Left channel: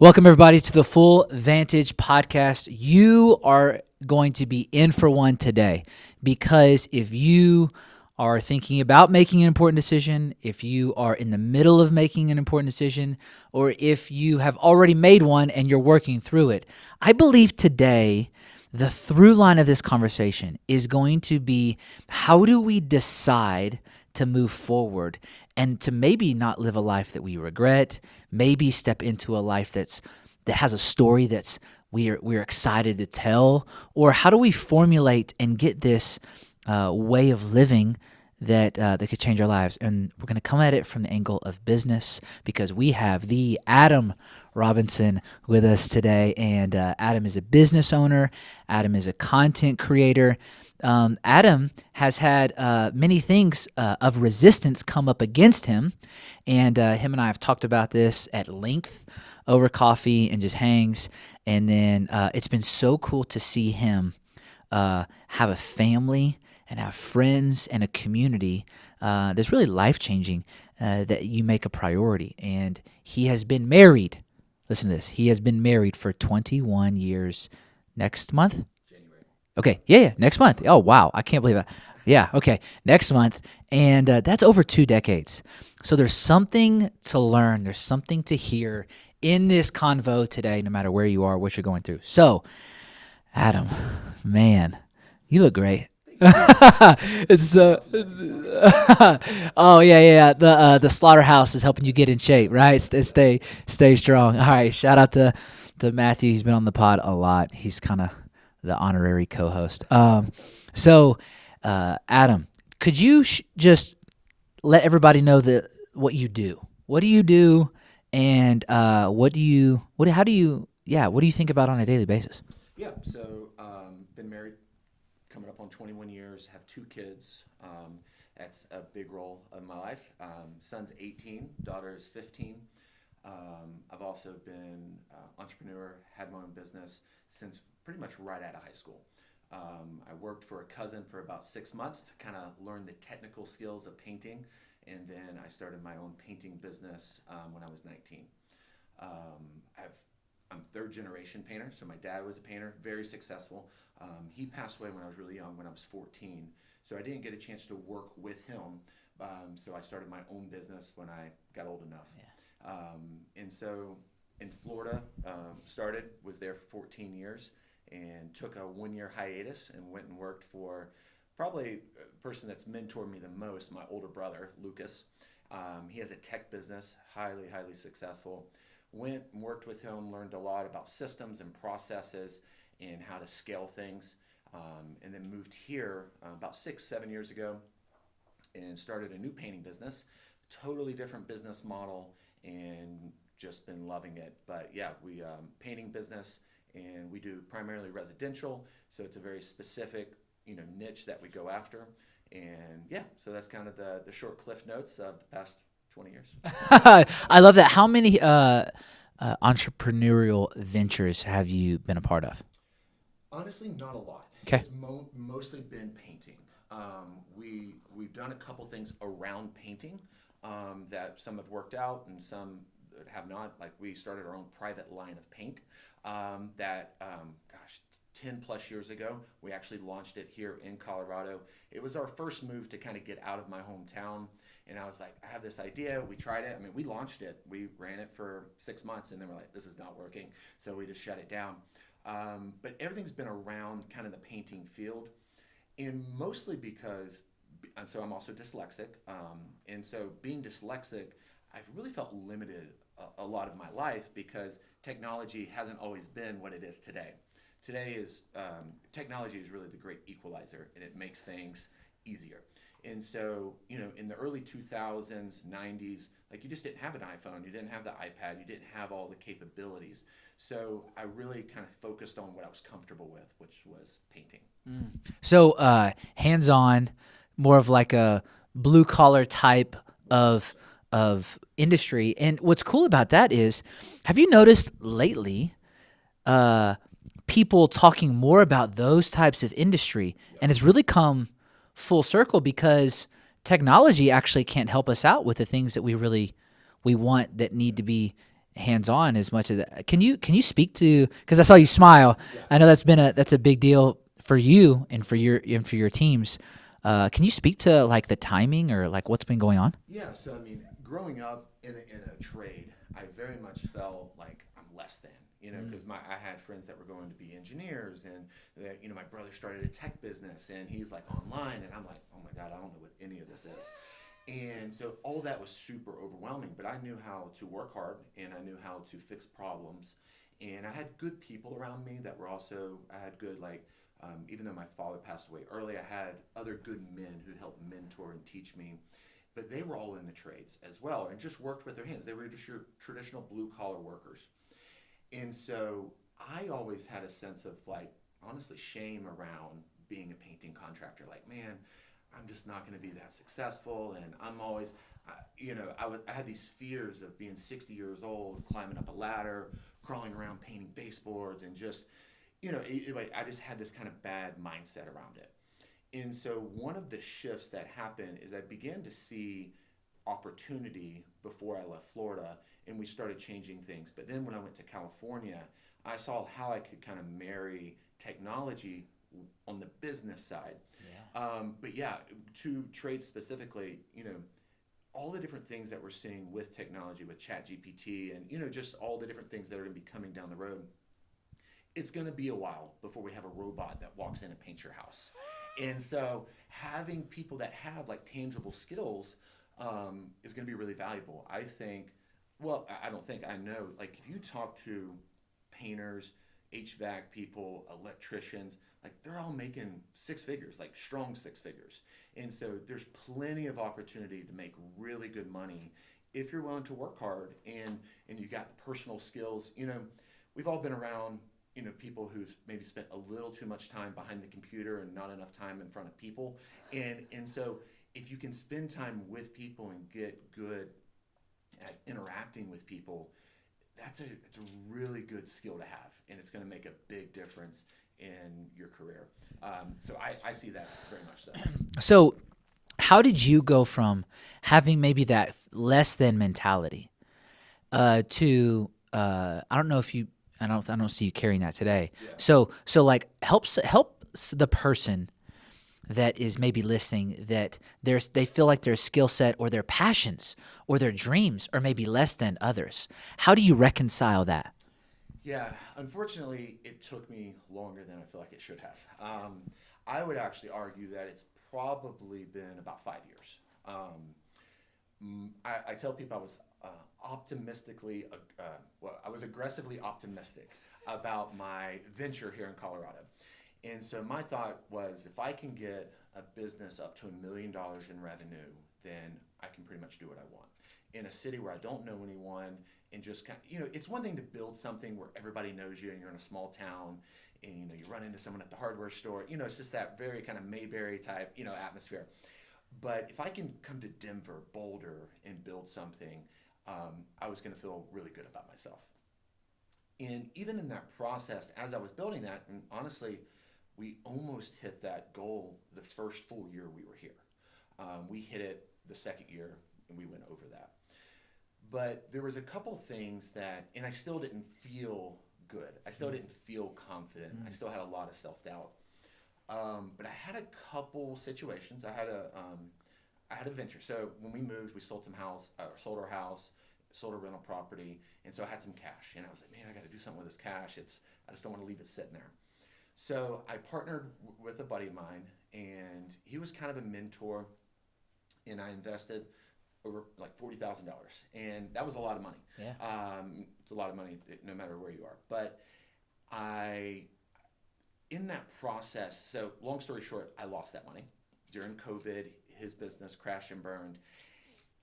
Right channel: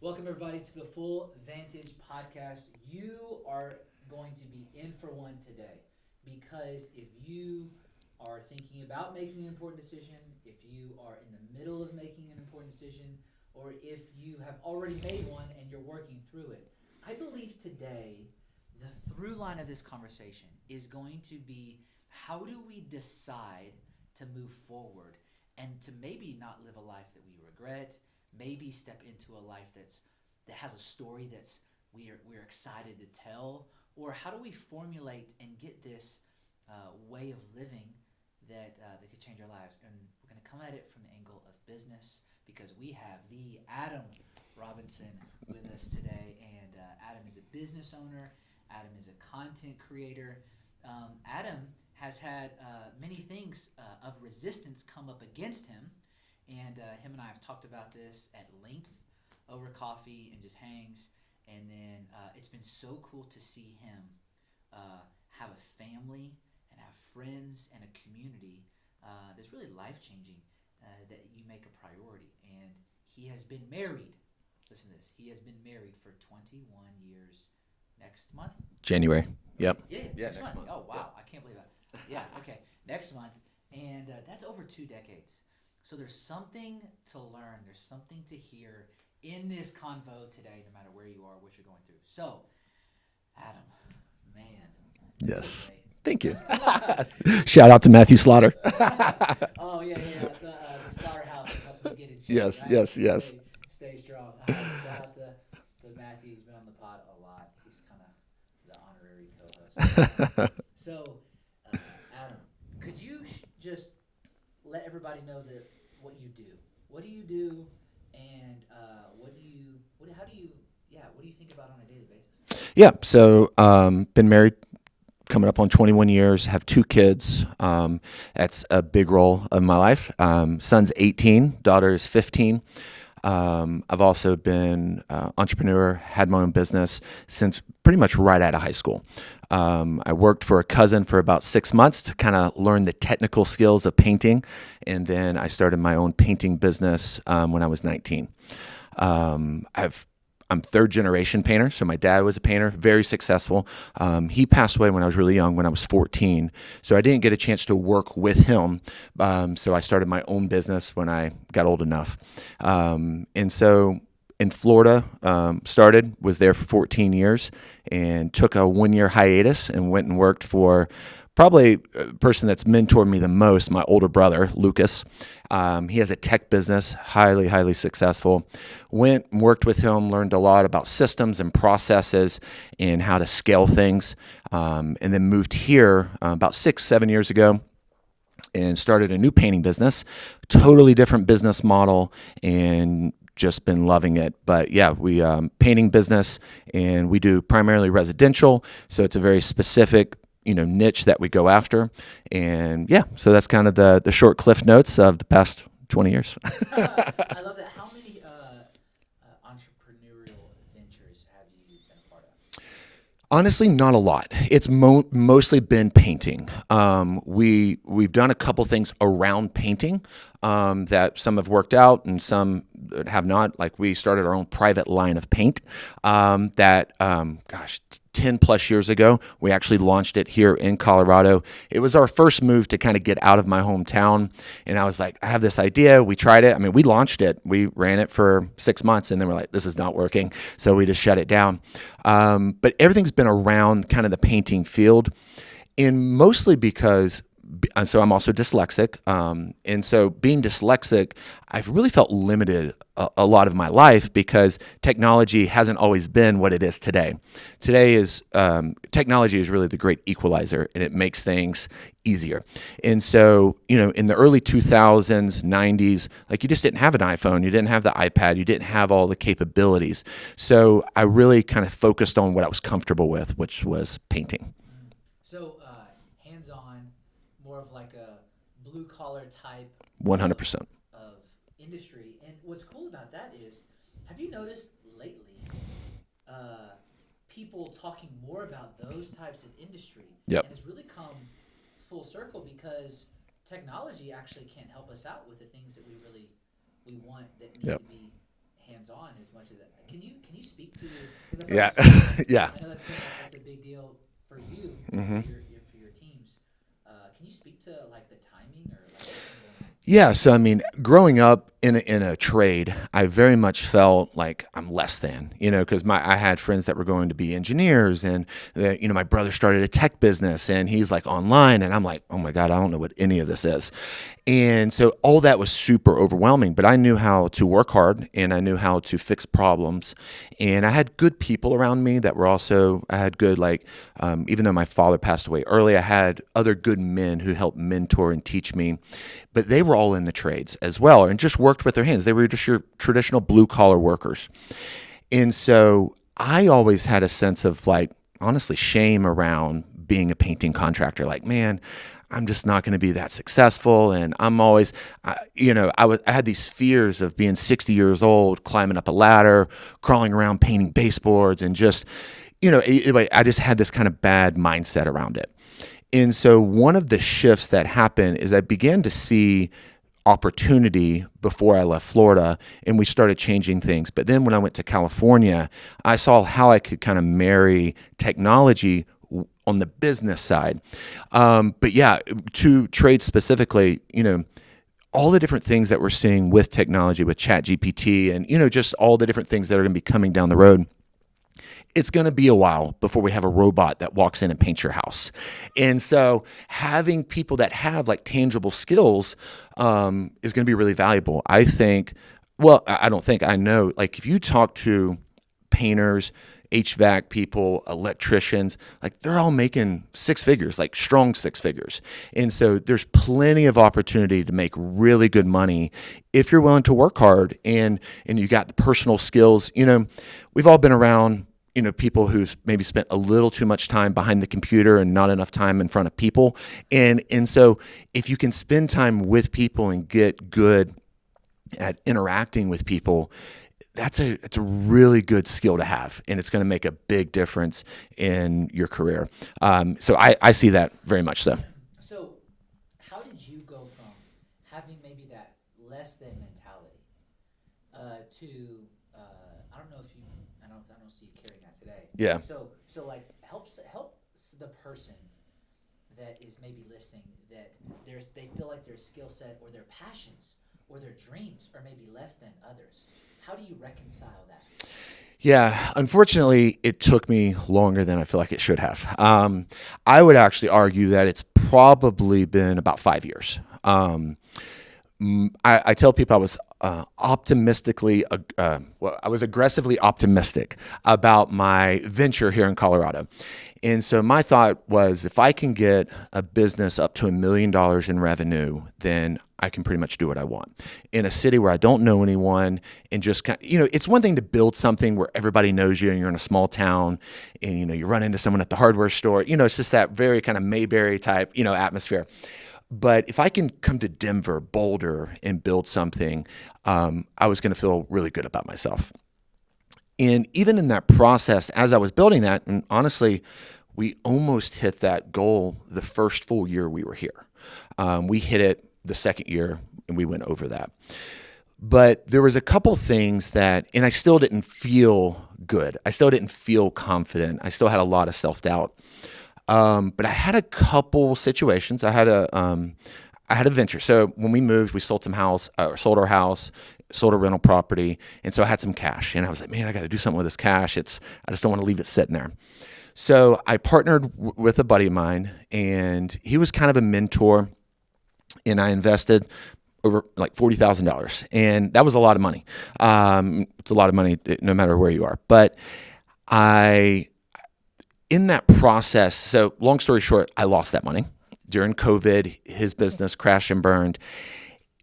Welcome, everybody, to the Full Vantage podcast. You are going to be in for one today because if you are thinking about making an important decision, if you are in the middle of making an important decision, or if you have already made one and you're working through it, I believe today the through line of this conversation is going to be how do we decide to move forward and to maybe not live a life that we regret, maybe step into a life that has a story that's we're excited to tell, or how do we formulate and get this way of living that could change our lives? And we're going to come at it from the angle of business because we have the Adam Robinson with us today, and Adam is a business owner. Adam is a content creator. Adam has had many things of resistance come up against him, and him and I have talked about this at length over coffee and just hangs. And then it's been so cool to see him have a family and have friends and a community that's really life-changing that you make a priority. And he has been married. Listen to this. He has been married for 21 years next month? January. Okay. Yep. Yeah. Next month. Oh, wow. I can't believe that. Yeah. Okay. Next month. And that's over 2 decades. So there's something to learn. There's something to hear in this convo today, no matter where you are, what you're going through. So, Adam, man, Yes. you look great. Thank you. Shout out to Matthew Slaughter. Oh, yeah. The slaughterhouse is helping you get in shape, Yes, right? yes. Stay strong. All right. Shout out to Matthew. He's been on the pod a lot. He's kind of the honorary co-host. So, Adam, could you just let everybody know what you do? What do you do, and what do you think about on a daily basis? Yeah. So, been married coming up on 21 years, have 2 kids. That's a big role of my life. Son's 18, daughter is 15. I've also been entrepreneur, had my own business since pretty much right out of high school. I worked for a cousin for about 6 months to kind of learn the technical skills of painting, and then I started my own painting business when I was 19. I'm 3rd generation painter, so my dad was a painter, very successful. He passed away when I was really young, when I was 14, so I didn't get a chance to work with him. So I started my own business when I got old enough. And so in Florida, was there for 14 years and took a 1-year hiatus and went and worked for probably a person that's mentored me the most, my older brother, Lucas. He has a tech business, highly, highly successful. Went and worked with him, learned a lot about systems and processes and how to scale things, and then moved here about 6-7 years ago and started a new painting business, totally different business model, and just been loving it. But yeah, we painting business, and we do primarily residential, so it's a very specific niche that we go after. And yeah, so that's kind of the short cliff notes of the past 20 years. I love that. How many entrepreneurial ventures have you been a part of? Honestly, not a lot. It's mostly been painting. We've done a couple things around painting that some have worked out and some have not. Like we started our own private line of paint that 10 plus years ago, we actually launched it here in Colorado. It was our first move to kind of get out of my hometown. And I was like, I have this idea. We tried it. I mean, we launched it. We ran it for 6 months and then we're like, this is not working. So we just shut it down. But everything's been around kind of the painting field, and mostly because so I'm also dyslexic. And so being dyslexic, I've really felt limited a lot of my life because technology hasn't always been what it is today. Today is technology is really the great equalizer, and it makes things easier. And so, in the early 2000s, 90s, like you just didn't have an iPhone, you didn't have the iPad, you didn't have all the capabilities. So I really kind of focused on what I was comfortable with, which was painting. So hands-on, more of like a blue-collar type 100%. of industry. And what's cool about that is, have you noticed lately people talking more about those types of industry? Yep. And it's really come full circle because technology actually can't help us out with the things that we want that need Yep. to be hands-on as much as that. Can you speak to, because I saw you smile. Yeah. I know that's a big deal for you and for your teams. Can you speak to like the timing or like what's been going on? Yeah. So, I mean, growing up in a trade, I very much felt like I'm less than, because I had friends that were going to be engineers, and my brother started a tech business and he's like online, and I'm like, oh my God, I don't know what any of this is. And so all that was super overwhelming, but I knew how to work hard and I knew how to fix problems. And I had good people around me that were also, I had good, even though my father passed away early, I had other good men who helped mentor and teach me. But they were all in the trades as well and just worked with their hands. They were just your traditional blue collar workers. And so I always had a sense of honestly, shame around being a painting contractor. Like, man, I'm just not going to be that successful. And I'm always, I had these fears of being 60 years old, climbing up a ladder, crawling around painting baseboards, and just, I just had this kind of bad mindset around it. And so one of the shifts that happened is I began to see opportunity before I left Florida, and we started changing things. But then when I went to California, I saw how I could kind of marry technology on the business side. But yeah, to trade specifically, all the different things that we're seeing with technology, with ChatGPT, and, just all the different things that are going to be coming down the road. It's going to be a while before we have a robot that walks in and paints your house. And so having people that have tangible skills is going to be really valuable. I know, if you talk to painters, HVAC people, electricians, they're all making six figures, strong six figures. And so there's plenty of opportunity to make really good money if you're willing to work hard and you got the personal skills. We've all been around people who've maybe spent a little too much time behind the computer and not enough time in front of people. And so if you can spend time with people and get good at interacting with people, it's a really good skill to have, and it's going to make a big difference in your career. So I see that very much so. So how did you go from having maybe that less than mentality to I don't see you carrying that today. Yeah. So helps the person that is maybe listening, that they feel like their skill set or their passions or their dreams are maybe less than others. How do you reconcile that? Yeah, unfortunately, it took me longer than I feel like it should have. I would actually argue that it's probably been about 5 years. I tell people I was I was aggressively optimistic about my venture here in Colorado. And so my thought was, if I can get a business up to $1 million in revenue, then I can pretty much do what I want in a city where I don't know anyone, and just it's one thing to build something where everybody knows you and you're in a small town and, you run into someone at the hardware store, it's just that very kind of Mayberry type, atmosphere. But if I can come to Denver, Boulder, and build something, I was going to feel really good about myself. And even in that process, as I was building that, and honestly, we almost hit that goal the first full year we were here. We hit it the second year, and we went over that. But there was a couple things and I still didn't feel good. I still didn't feel confident. I still had a lot of self-doubt. But I had a couple situations. I had a venture. So when we moved, we sold sold our house, sold a rental property. And so I had some cash, and I was like, man, I got to do something with this cash. I just don't want to leave it sitting there. So I partnered with a buddy of mine, and he was kind of a mentor, and I invested over $40,000. And that was a lot of money. It's a lot of money no matter where you are. But in that process, so long story short, I lost that money. During COVID, his business crashed and burned.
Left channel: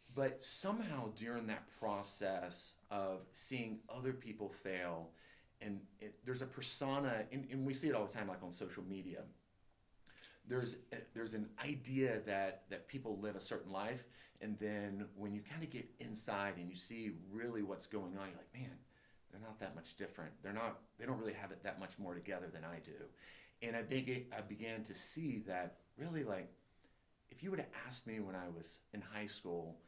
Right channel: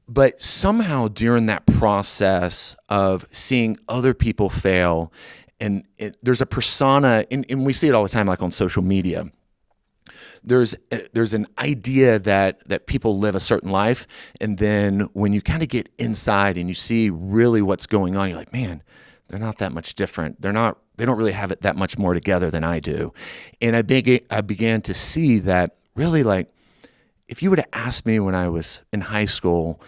But somehow during that process of seeing other people fail, and there's a persona, and we see it all the time, on social media. There's an idea that people live a certain life, and then when you kind of get inside and you see really what's going on, you're like, man, they're not that much different. They don't really have it that much more together than I do. And I began to see that really, if you would have asked me when I was in high school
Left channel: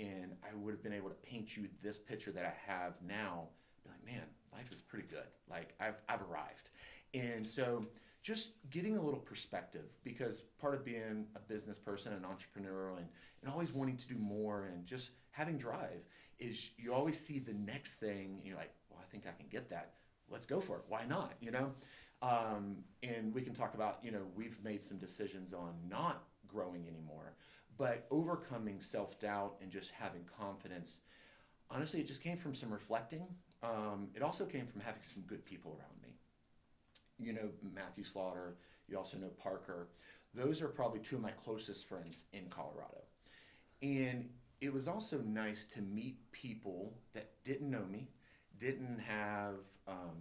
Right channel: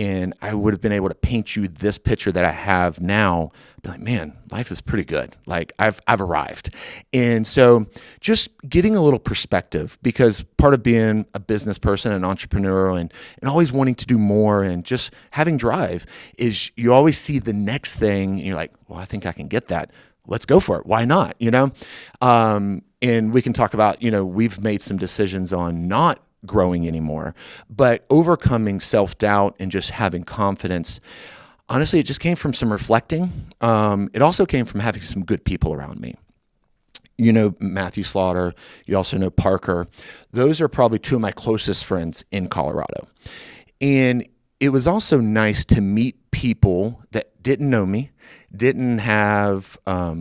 and I would have been able to paint you this picture that I have now, be like, man, life is pretty good. Like I've arrived. And so just getting a little perspective, because part of being a business person, an entrepreneur, and always wanting to do more and just having drive is you always see the next thing and you're like, well, I think I can get that. Let's go for it. Why not? And we can talk about, we've made some decisions on not growing anymore, but overcoming self-doubt and just having confidence. Honestly, it just came from some reflecting. It also came from having some good people around me. Matthew Slaughter, you also know Parker. Those are probably two of my closest friends in Colorado. And it was also nice to meet people that didn't know me, didn't have, all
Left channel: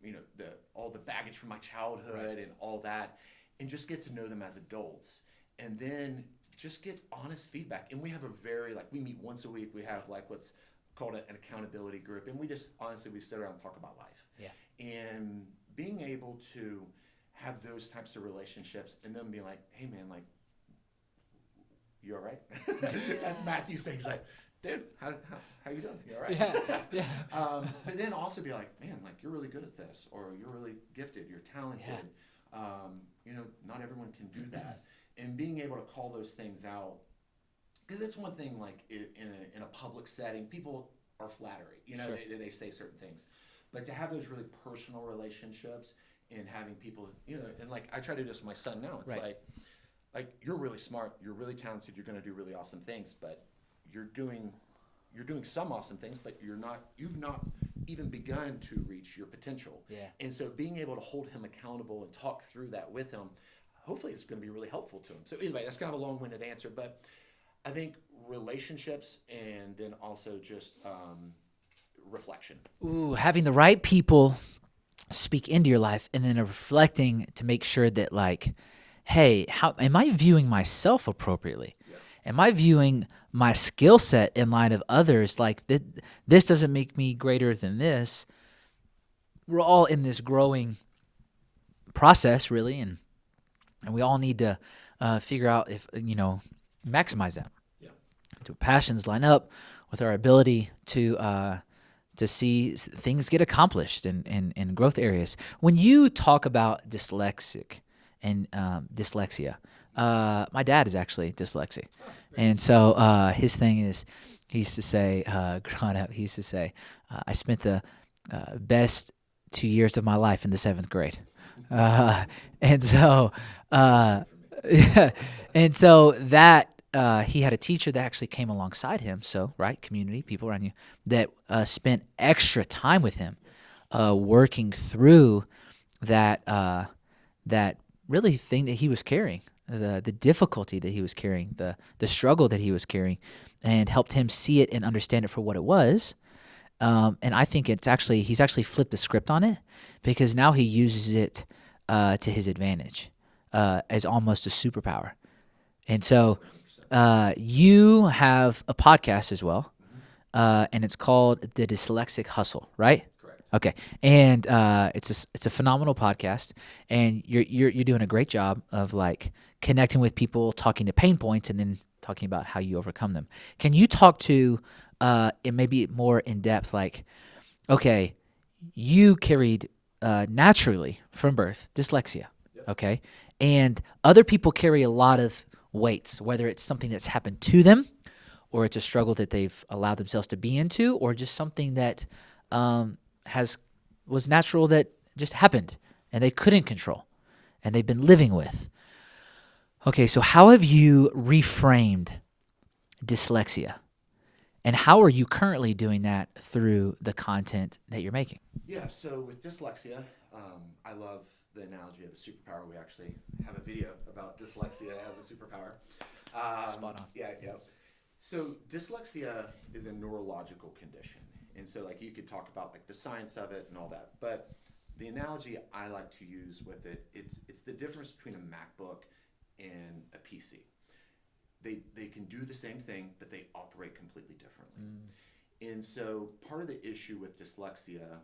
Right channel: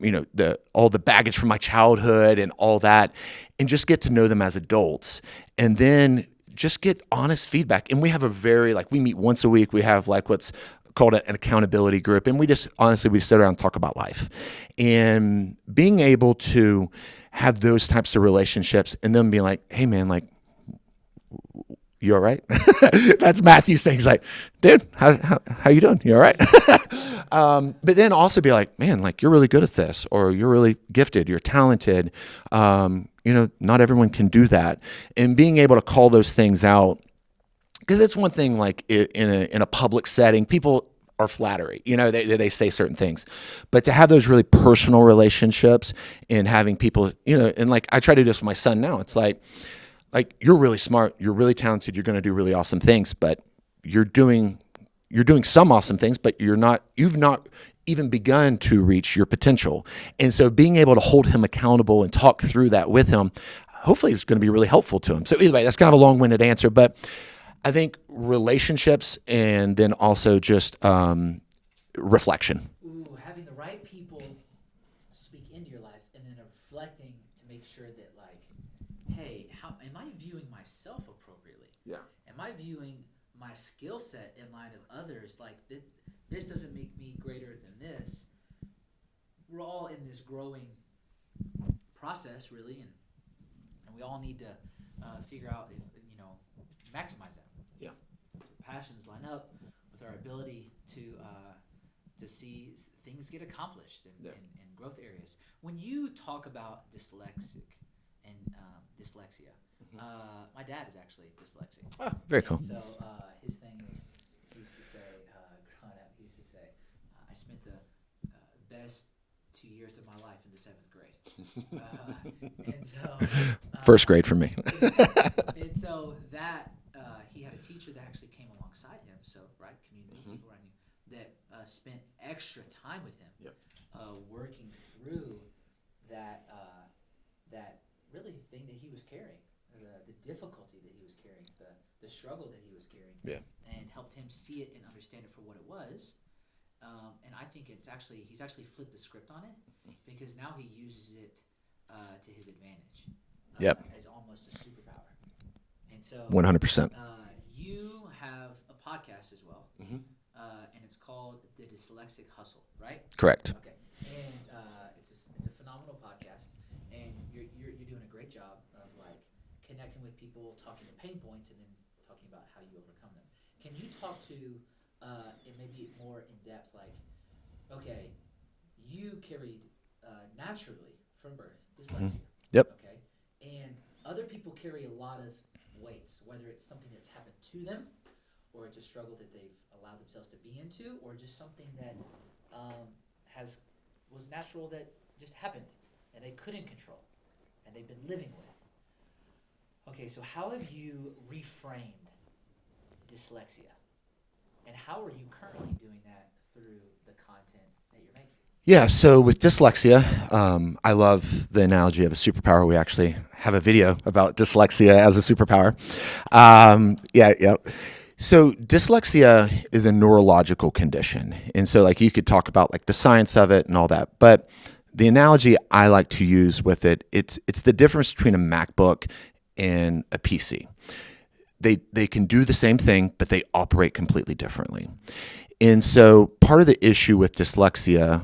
the baggage from my childhood and all that, and just get to know them as adults. And then just get honest feedback. And we have we meet once a week. We have what's called an accountability group. And we just, honestly, we sit around and talk about life. And being able to have those types of relationships and them being like, hey man, you all right? That's Matthew's thing. He's like, dude, how you doing? You all right? But then also be like, man, you're really good at this, or you're really gifted, you're talented. Not everyone can do that. And being able to call those things out, because it's one thing, in a public setting, people are flattery, they say certain things, but to have those really personal relationships and having people, and I try to do this with my son now. It's right. Like you're really smart, you're really talented, you're going to do really awesome things, but you're doing some awesome things, but you've not even begun to reach your potential. And so being able to hold him accountable and talk through that with him, hopefully is going to be really helpful to him. So anyway, that's kind of a long-winded answer, but I think relationships and then also just reflection. Ooh, having the right people speak into your life, and then reflecting to make sure that hey, how am I viewing myself appropriately? Yeah. Am I viewing my skill set in light of others? This doesn't make me greater than this. We're all in this growing process, really, and we all need to figure out if maximize that. Yeah. Do passions line up with our ability to see things get accomplished in growth areas? When you talk about dyslexic and dyslexia, my dad is actually dyslexic. Oh, very cool. So his thing is, he used to say, growing up, I spent the best 2 years of my life in the 7th grade. And so first grade for me. Yeah. And so that he had a teacher that actually came alongside him. So, right, community, people around you that spent extra time with him, working through that really thing that he was carrying, the difficulty that he was carrying, the struggle that he was carrying, and helped him see it and understand it for what it was. And I think he's actually flipped the script on it, because now he uses it to his advantage as almost a superpower. And so 100%. You have a podcast as well, and it's called the Dyslexic Hustle, right? Correct. Okay, and it's a phenomenal podcast, and you're doing a great job of connecting with people, talking to pain points, and then talking about how you overcome them. Can you talk to it maybe more in depth? Okay, you carried naturally from birth dyslexia. Yep. Okay, and other people carry a lot of weights, whether it's something that's happened to them, or it's a struggle that they've allowed themselves to be into, or just something that was natural that just happened and they couldn't control and they've been living with. Okay, so how have you reframed dyslexia? And how are you currently doing that through the content that you're making? Yeah, so with dyslexia, I love the analogy of a superpower. We actually have a video about dyslexia as a superpower. So dyslexia is a neurological condition. And so you could talk about the science of it and all that. But the analogy I like to use with it, it's the difference between a MacBook and a PC. They can do the same thing, but they operate completely differently. And so part of the issue with dyslexia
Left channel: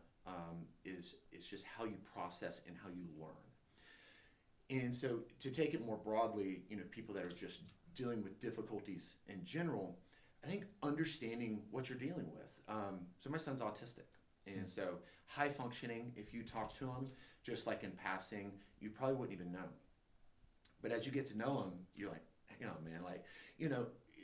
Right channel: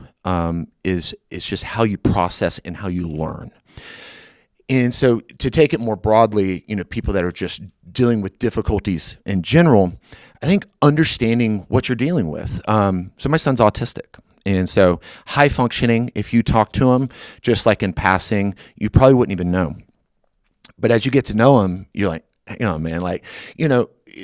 is just how you process and how you learn. And so to take it more broadly, people that are just dealing with difficulties in general, I think understanding what you're dealing with. So my son's autistic. And so high functioning, if you talk to him, just like in passing, you probably wouldn't even know. But as you get to know him, you're like, man, like,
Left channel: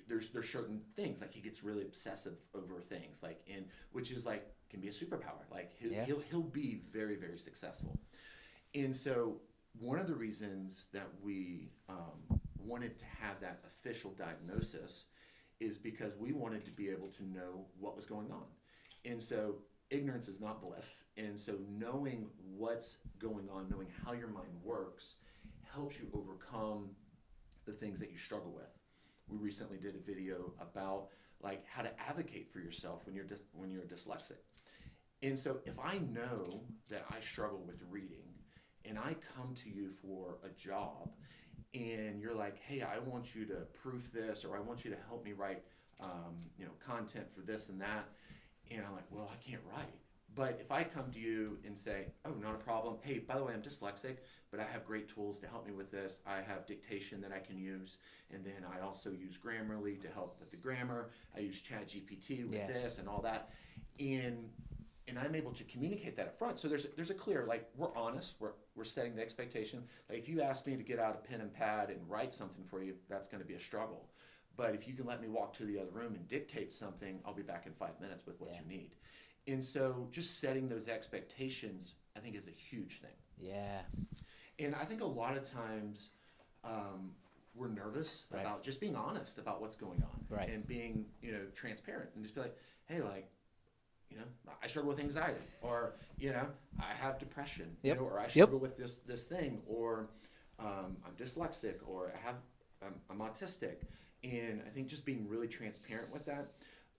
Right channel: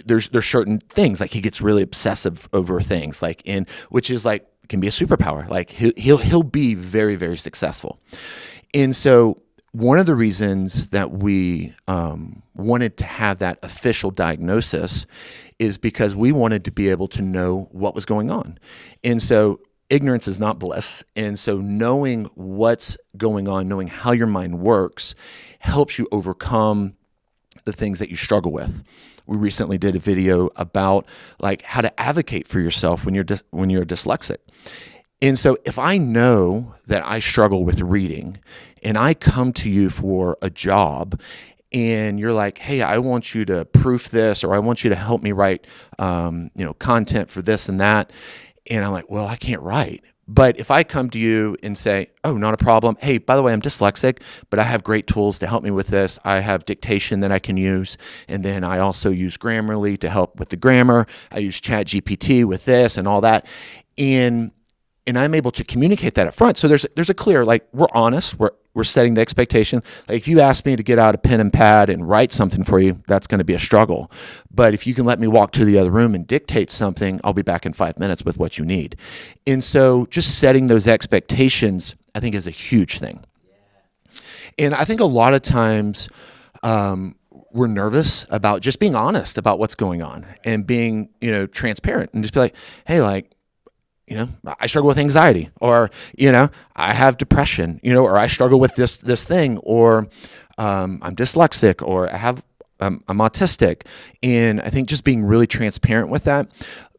there's certain things, like he gets really obsessive over things, like which is like, can be a superpower. Like he'll be very, very successful. And so one of the reasons that we wanted to have that official diagnosis is because we wanted to be able to know what was going on. And so ignorance is not bliss. And so knowing what's going on, knowing how your mind works, helps you overcome the things that you struggle with. We recently did a video about like how to advocate for yourself when you're dyslexic. And so if I know that I struggle with reading and I come to you for a job and you're like, hey, I want you to proof this, or I want you to help me write, content for this and that. And I'm like, well, I can't write. But if I come to you and say, oh, not a problem. Hey, by the way, I'm dyslexic, but I have great tools to help me with this. I have dictation that I can use. And then I also use Grammarly to help with the grammar. I use ChatGPT with this and all that. And I'm able to communicate that up front. So there's a clear, like, we're honest. We're setting the expectation. Like, if you ask me to get out a pen and pad and write something for you, that's going to be a struggle. But if you can let me walk to the other room and dictate something, I'll be back in 5 minutes with what you need. And so just setting those expectations, I think, is a huge thing. Yeah. And I think a lot of times we're nervous about just being honest about what's going on, and being, transparent, and just be like, hey, like, I struggle with anxiety, or, I have depression, or I struggle with this thing, or I'm dyslexic, or I'm autistic. And I think just being really transparent with that,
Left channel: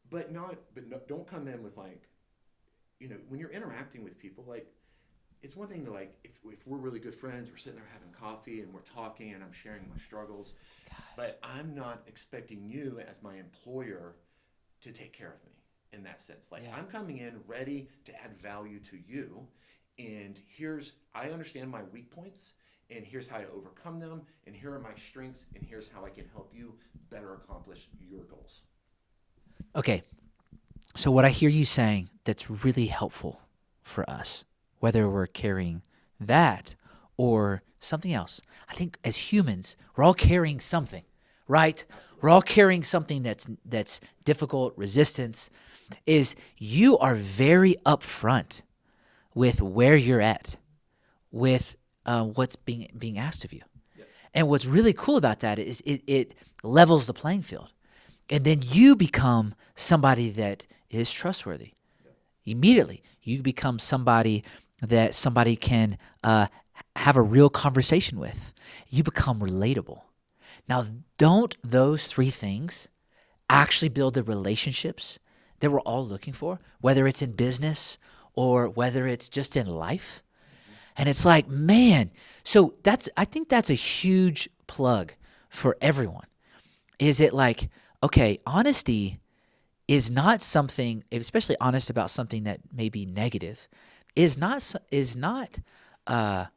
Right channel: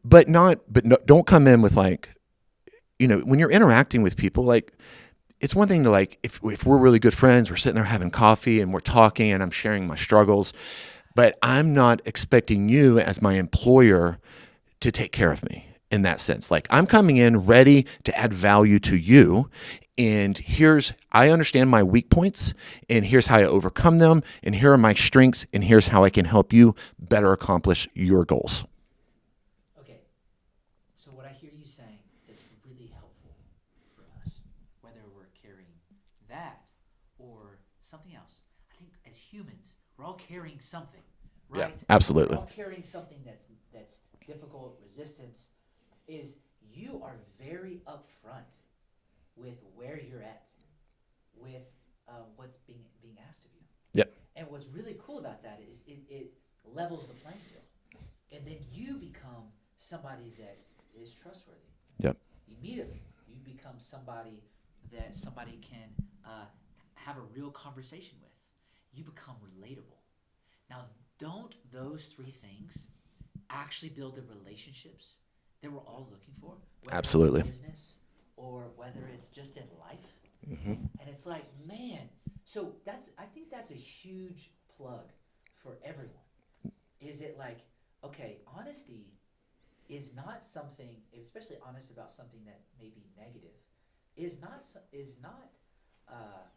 but don't come in with like, when you're interacting with people, like, it's one thing to, like, if we're really good friends, we're sitting there having coffee and we're talking and I'm sharing my struggles, but I'm not expecting you as my employer to take care of me. In that sense, like, I'm coming in ready to add value to you, and I understand my weak points, and here's how I overcome them, and here are my strengths, and here's how I can help you better accomplish your goals. Okay, so what I hear you saying that's really helpful for us, whether we're carrying that or something else, I think as humans, we're all carrying something, right? Absolutely. We're all carrying something that's difficult, resistance. Is you are very upfront with where you're at, with what's being asked of you. Yep. And what's really cool about that is it levels the playing field. And then you become somebody that is trustworthy. Yep. Immediately, you become somebody that somebody can have a real conversation with. You become relatable. Now, don't those three things actually build the relationships that we're all looking for, whether Absolutely. It's in business or whether it's just in life? Mm-hmm. And it's like, man, so I think that's a huge plug for everyone. Is it like, okay, honesty is not something, especially honest about something that may be negative, is not going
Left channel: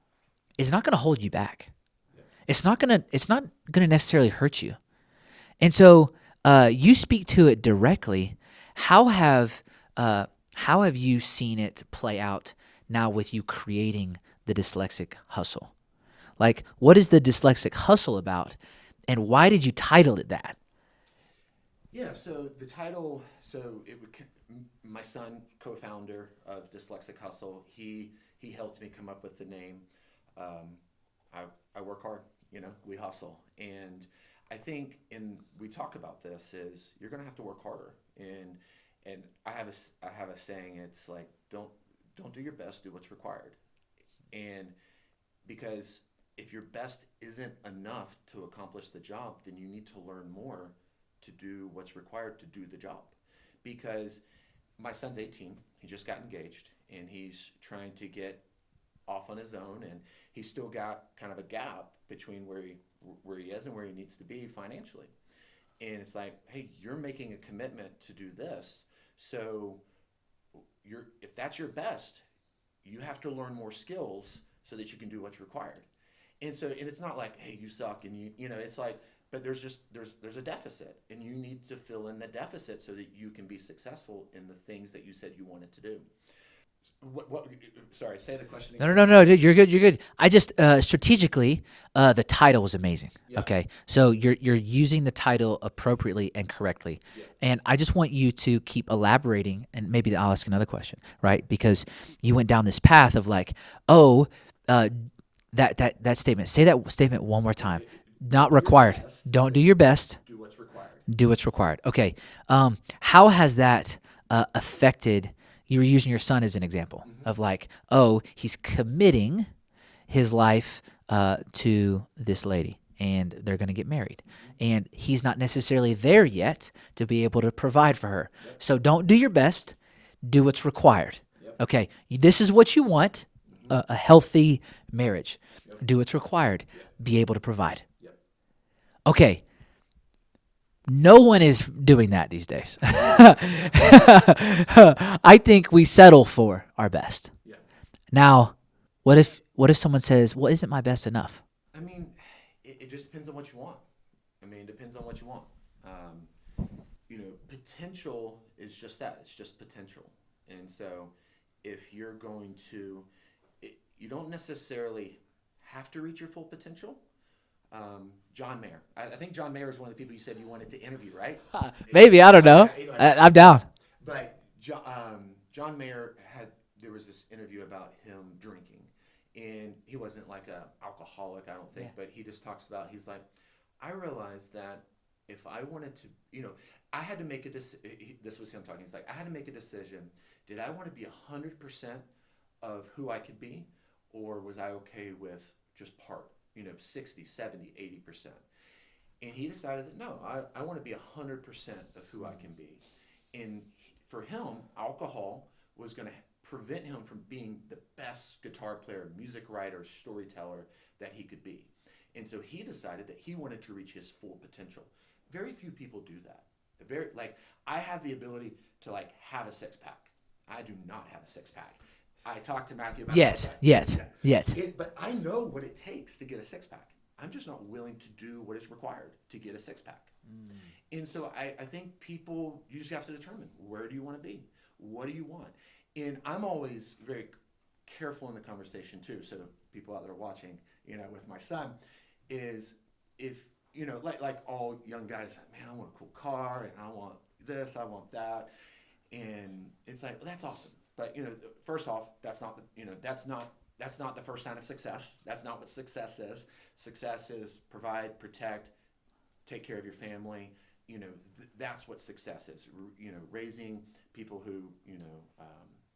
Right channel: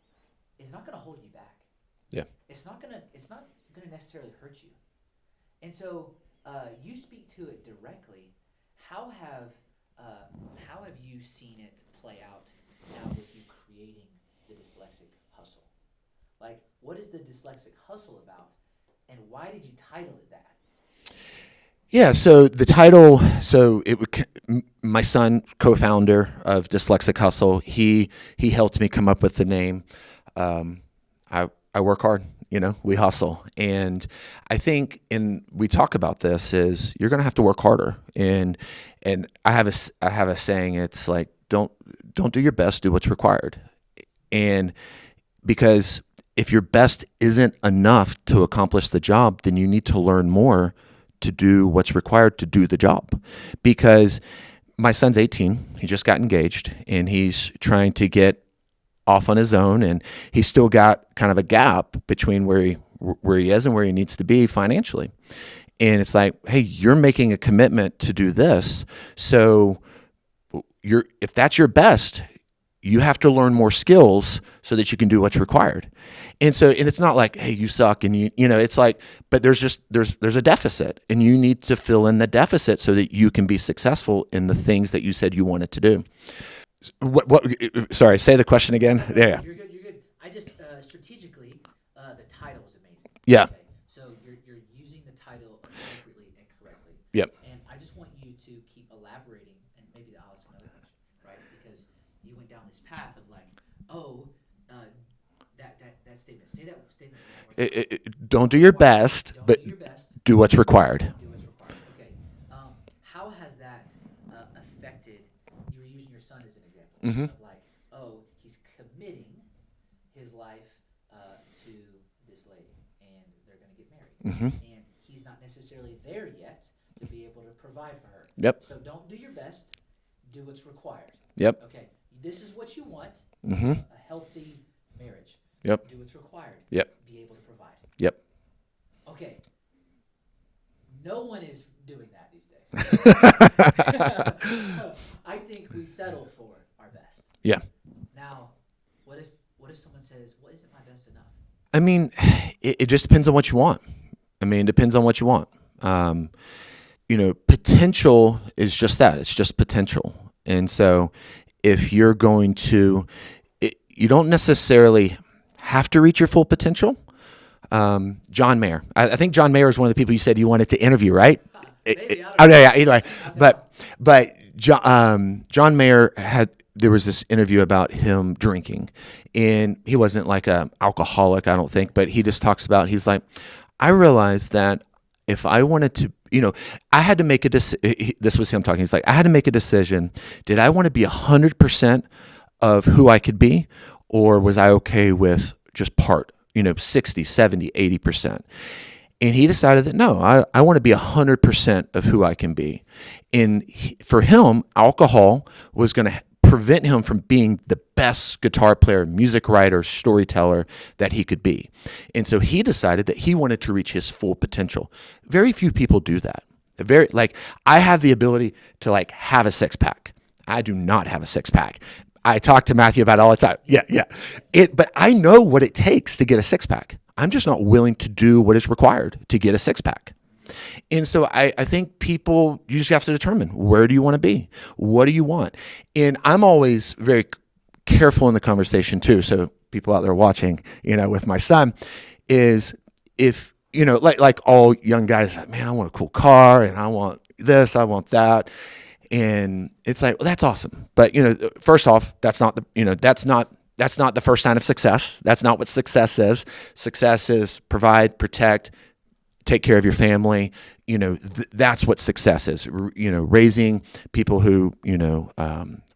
to hold you back. Yeah. It's not going to necessarily hurt you. And so you speak to it directly. How have you seen it play out now with you creating the Dyslexic Hustle? Like, what is the Dyslexic Hustle about, and why did you title it that? Yeah, so the title, my son, co-founder of Dyslexic Hustle, he helped me come up with the name. I work hard, we hustle. And I think, and we talk about this, is you're going to have to work harder. And I have a saying, it's like, don't do your best, do what's required. And because if your best isn't enough to accomplish the job, then you need to learn more to do what's required to do the job. Because my son's 18, he just got engaged, and he's trying to get off on his own, and he's still got kind of a gap between where he is and where he needs to be financially. And it's like, hey, you're making a commitment to do this, so if that's your best, you have to learn more skills so that you can do what's required. And it's not like, hey, you suck, and it's like, but there's a deficit, and you need to fill in the deficit so that you can be successful in the things that you said you wanted to do. Sorry, say the question again. No, you're good. I just strategically, the title was amazing. Yeah. Okay. So you're using the title appropriately and correctly. Yep. And I just want you to keep elaborating, and maybe I'll ask another question, right? Because you went down this path of like, that statement. Say that statement one more time. Don't do your best. Don't do your best. Do what's required. Do what's required. Okay. How has that affected? You were using your son as an example of like, he's committing his life to this lady, and they're going to get married. And he's not necessarily there yet to be able to provide for her. Yep. So don't do your best. Do what's required. Yep. Okay. This is what you want, a healthy marriage. Yep. Do what's required. Yep. Be able to provide. Yep. Okay. No one is doing that these days. I think we settle for our best. Yeah. Now, what if someone says, "Well, isn't my best enough?" I mean, it just depends on what you want. It depends on what you want. Potential is just that. It's just potential. And so if you're going to, you don't necessarily have to reach your full potential. John Mayer. I think John Mayer is one of the people you said you wanted to interview, right? Maybe. I don't know. Yeah, either way. I'm down. But John Mayer there was this interview about him drinking, and he wasn't like an alcoholic, I don't think, but he just talks about, he's like, I realized that if I wanted to, I had to make a decision. This was him talking. He's like, I had to make a decision. Did I want to be 100% of who I could be, or was I okay with just part? 60, 70, 80%. And he decided that, no, I want to be 100% of who I can be. And for him, alcohol was going to prevent him from being the best guitar player, music writer, storyteller that he could be. And so he decided that he wanted to reach his full potential. Very few people do that. I have the ability to have a six pack. I do not have a six pack. I talk to Matthew about it all the time. Yes. But I know what it takes to get a six pack. I'm just not willing to do what is required to get a six pack. And so I think people, you just have to determine, where do you want to be? What do you want? And I'm always very careful in the conversation too. So people out there watching, with my son, is if, like all young guys, man, I want a cool car, and I want this, I want that. And it's like, well, that's awesome. But, first off, that's not the first sign of success. That's not what success is. Success is provide, protect, take care of your family. That's what success is. Raising people who,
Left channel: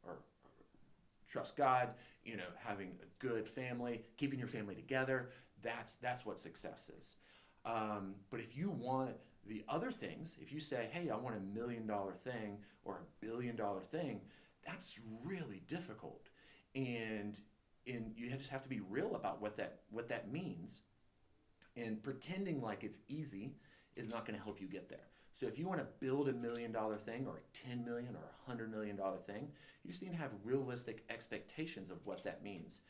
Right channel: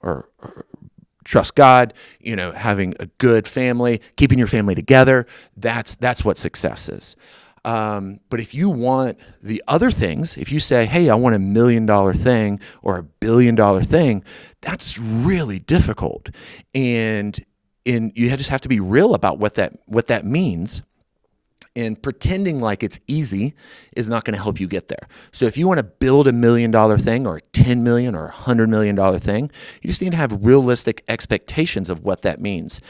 or trust God, having a good family, keeping your family together. That's what success is. But if you want the other things, if you say, hey, I want $1 million thing or $1 billion thing, that's really difficult. And you just have to be real about what that means. And pretending like it's easy is not going to help you get there. So if you want to build $1 million thing or a $10 million or $100 million thing, you just need to have realistic expectations of what that means.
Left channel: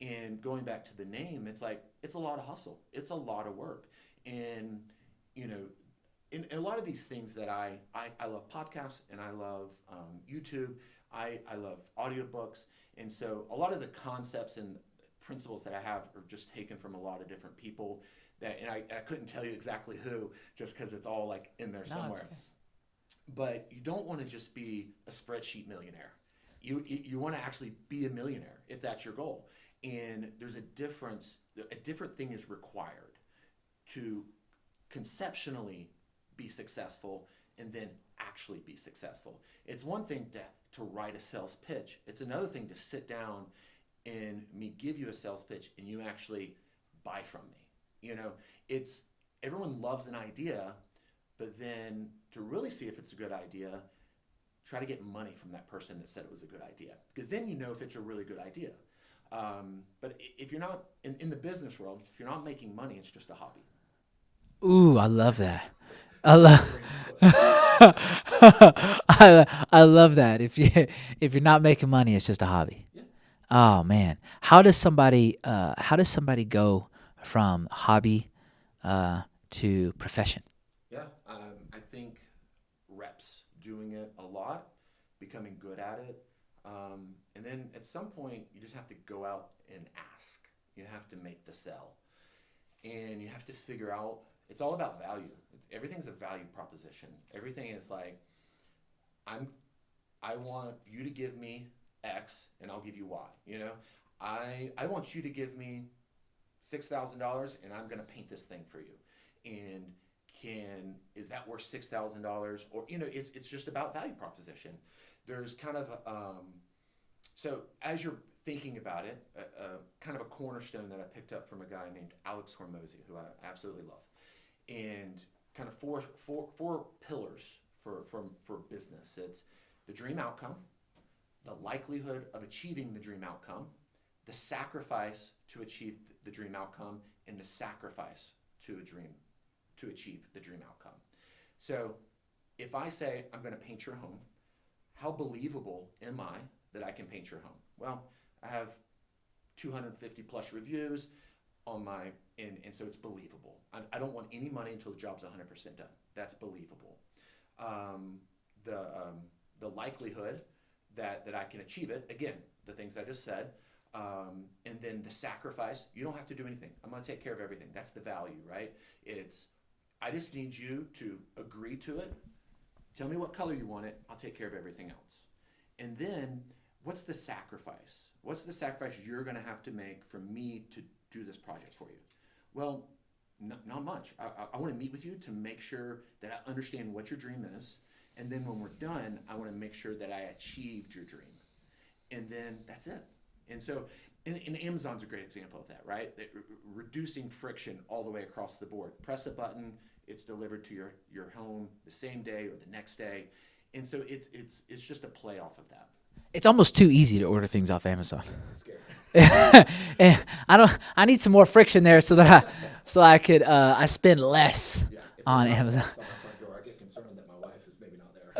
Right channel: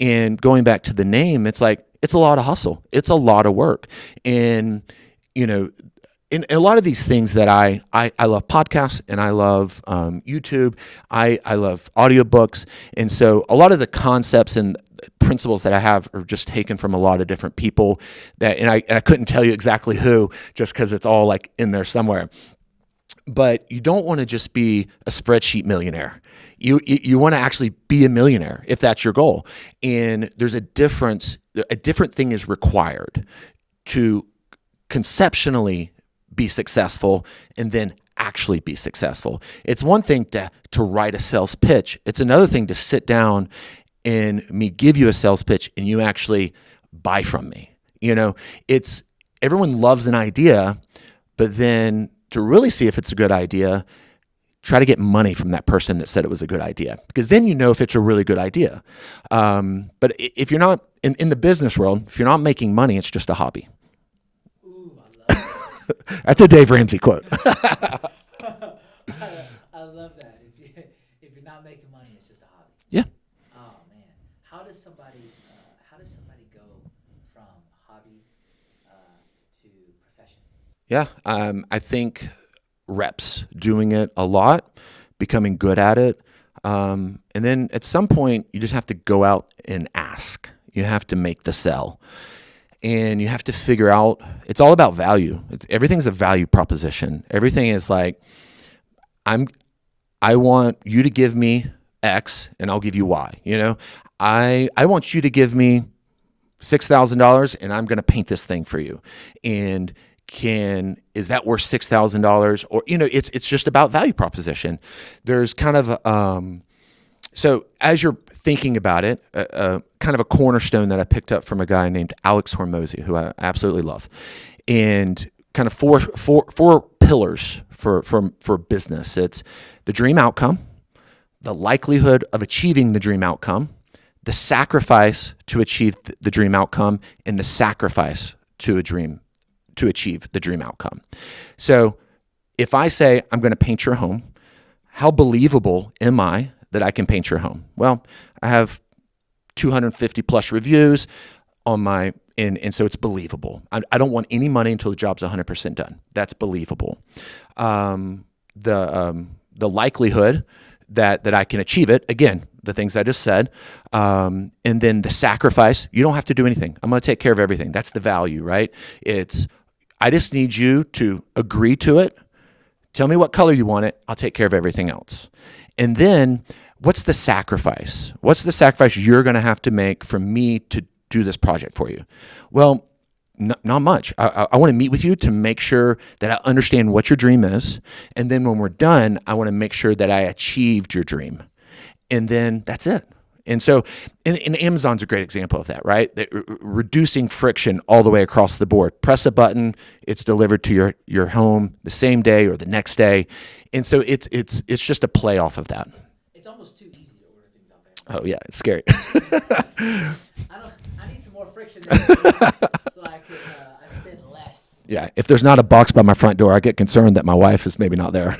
And going back to the name, it's like, it's a lot of hustle. It's a lot of work. And, in a lot of these things that I love podcasts, and I love YouTube. I love audiobooks. And so a lot of the concepts and principles that I have are just taken from a lot of different people and I couldn't tell you exactly who, just because it's all in there somewhere. But you don't want to just be a spreadsheet millionaire. You want to actually be a millionaire if that's your goal. And there's a difference. A different thing is required to conceptually be successful and then actually be successful. It's one thing to write a sales pitch. It's another thing to sit down and me give you a sales pitch and you actually buy from me. It's everyone loves an idea, but then to really see if it's a good idea, try to get money from that person that said it was a good idea, because then if it's a really good idea. But if you're not in the business world, if you're not making money, it's just a hobby. Ooh, I love that. That's a Dave Ramsey quote. I love that. If you're not making money, it's just a hobby. Yeah. Oh man, how does somebody go from hobby to profession? Yeah, I think reps, doing it a lot, becoming good at it. And then at some point, you just have to go out and ask. You have to make the sell. And you have to figure out, it's all about value. Everything's a value proposition. Everything is like, I want you to give me X and I'll give you Y. I want you to give me $6,000 and I'm going to paint this thing for you. And is that worth $6,000? Or, it's just about value proposition. There's kind of, so as you're thinking about it, kind of a cornerstone that I picked up from a guy named Alex Hormozy, who I absolutely love, and kind of four pillars for business. It's the dream outcome, the likelihood of achieving the dream outcome, the sacrifice to achieve the dream outcome, and the sacrifice to achieve the dream outcome. So if I say I'm going to paint your home, how believable am I that I can paint your home? Well, I have 250 plus reviews on my, and so it's believable. I don't want any money until the job's 100% done. That's believable. The likelihood that I can achieve it, again, the things I just said, and then the sacrifice, you don't have to do anything. I'm going to take care of everything. That's the value, right? I just need you to agree to it. Tell me what color you want it. I'll take care of everything else. And then what's the sacrifice? What's the sacrifice you're going to have to make for me to do this project for you? Well, not much. I want to meet with you to make sure that I understand what your dream is. And then when we're done, I want to make sure that I achieved your dream. And then that's it. And so, and Amazon's a great example of that, right? Reducing friction all the way across the board. Press a button, it's delivered to your home the same day or the next day. And so it's just a play off of that. It's almost too easy to order things off Amazon. Oh yeah, it's scary. I need some more friction there so that I could I spend less. Yeah, if there's not a box by my front door, I get concerned that my wife is maybe not there.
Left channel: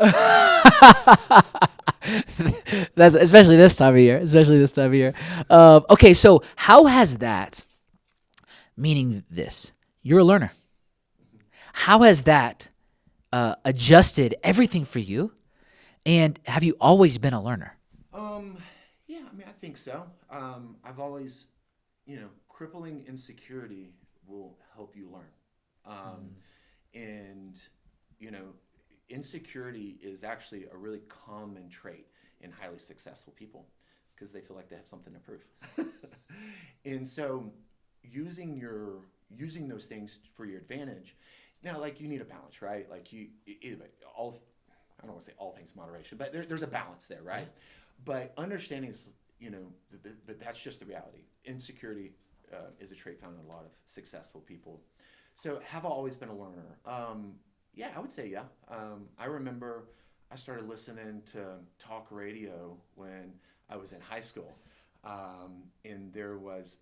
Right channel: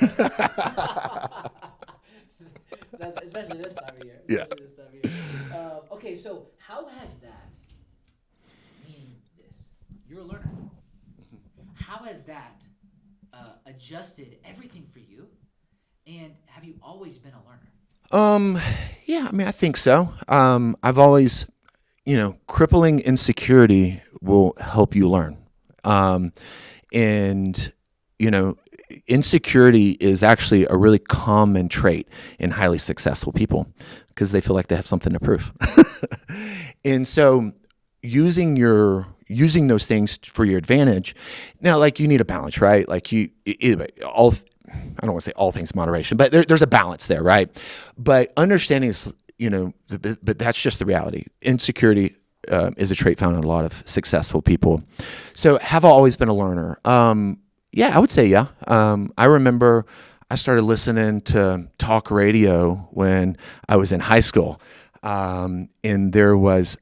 That's especially this time of year. Okay, so how has that, meaning this, you're a learner. How has that adjusted everything for you? And have you always been a learner? Yeah, I mean, I think so. I've always, crippling insecurity will help you learn. And, insecurity is actually a really common trait in highly successful people because they feel like they have something to prove. And so using those things for your advantage. Now, like, you need a balance, right? Like I don't want to say all things moderation, but there's a balance there, right? But understanding is, but that's just the reality. Insecurity is a trait found in a lot of successful people. So have I always been a learner? Yeah, I would say yeah. I remember I started listening to talk radio when I was in high school. And there was,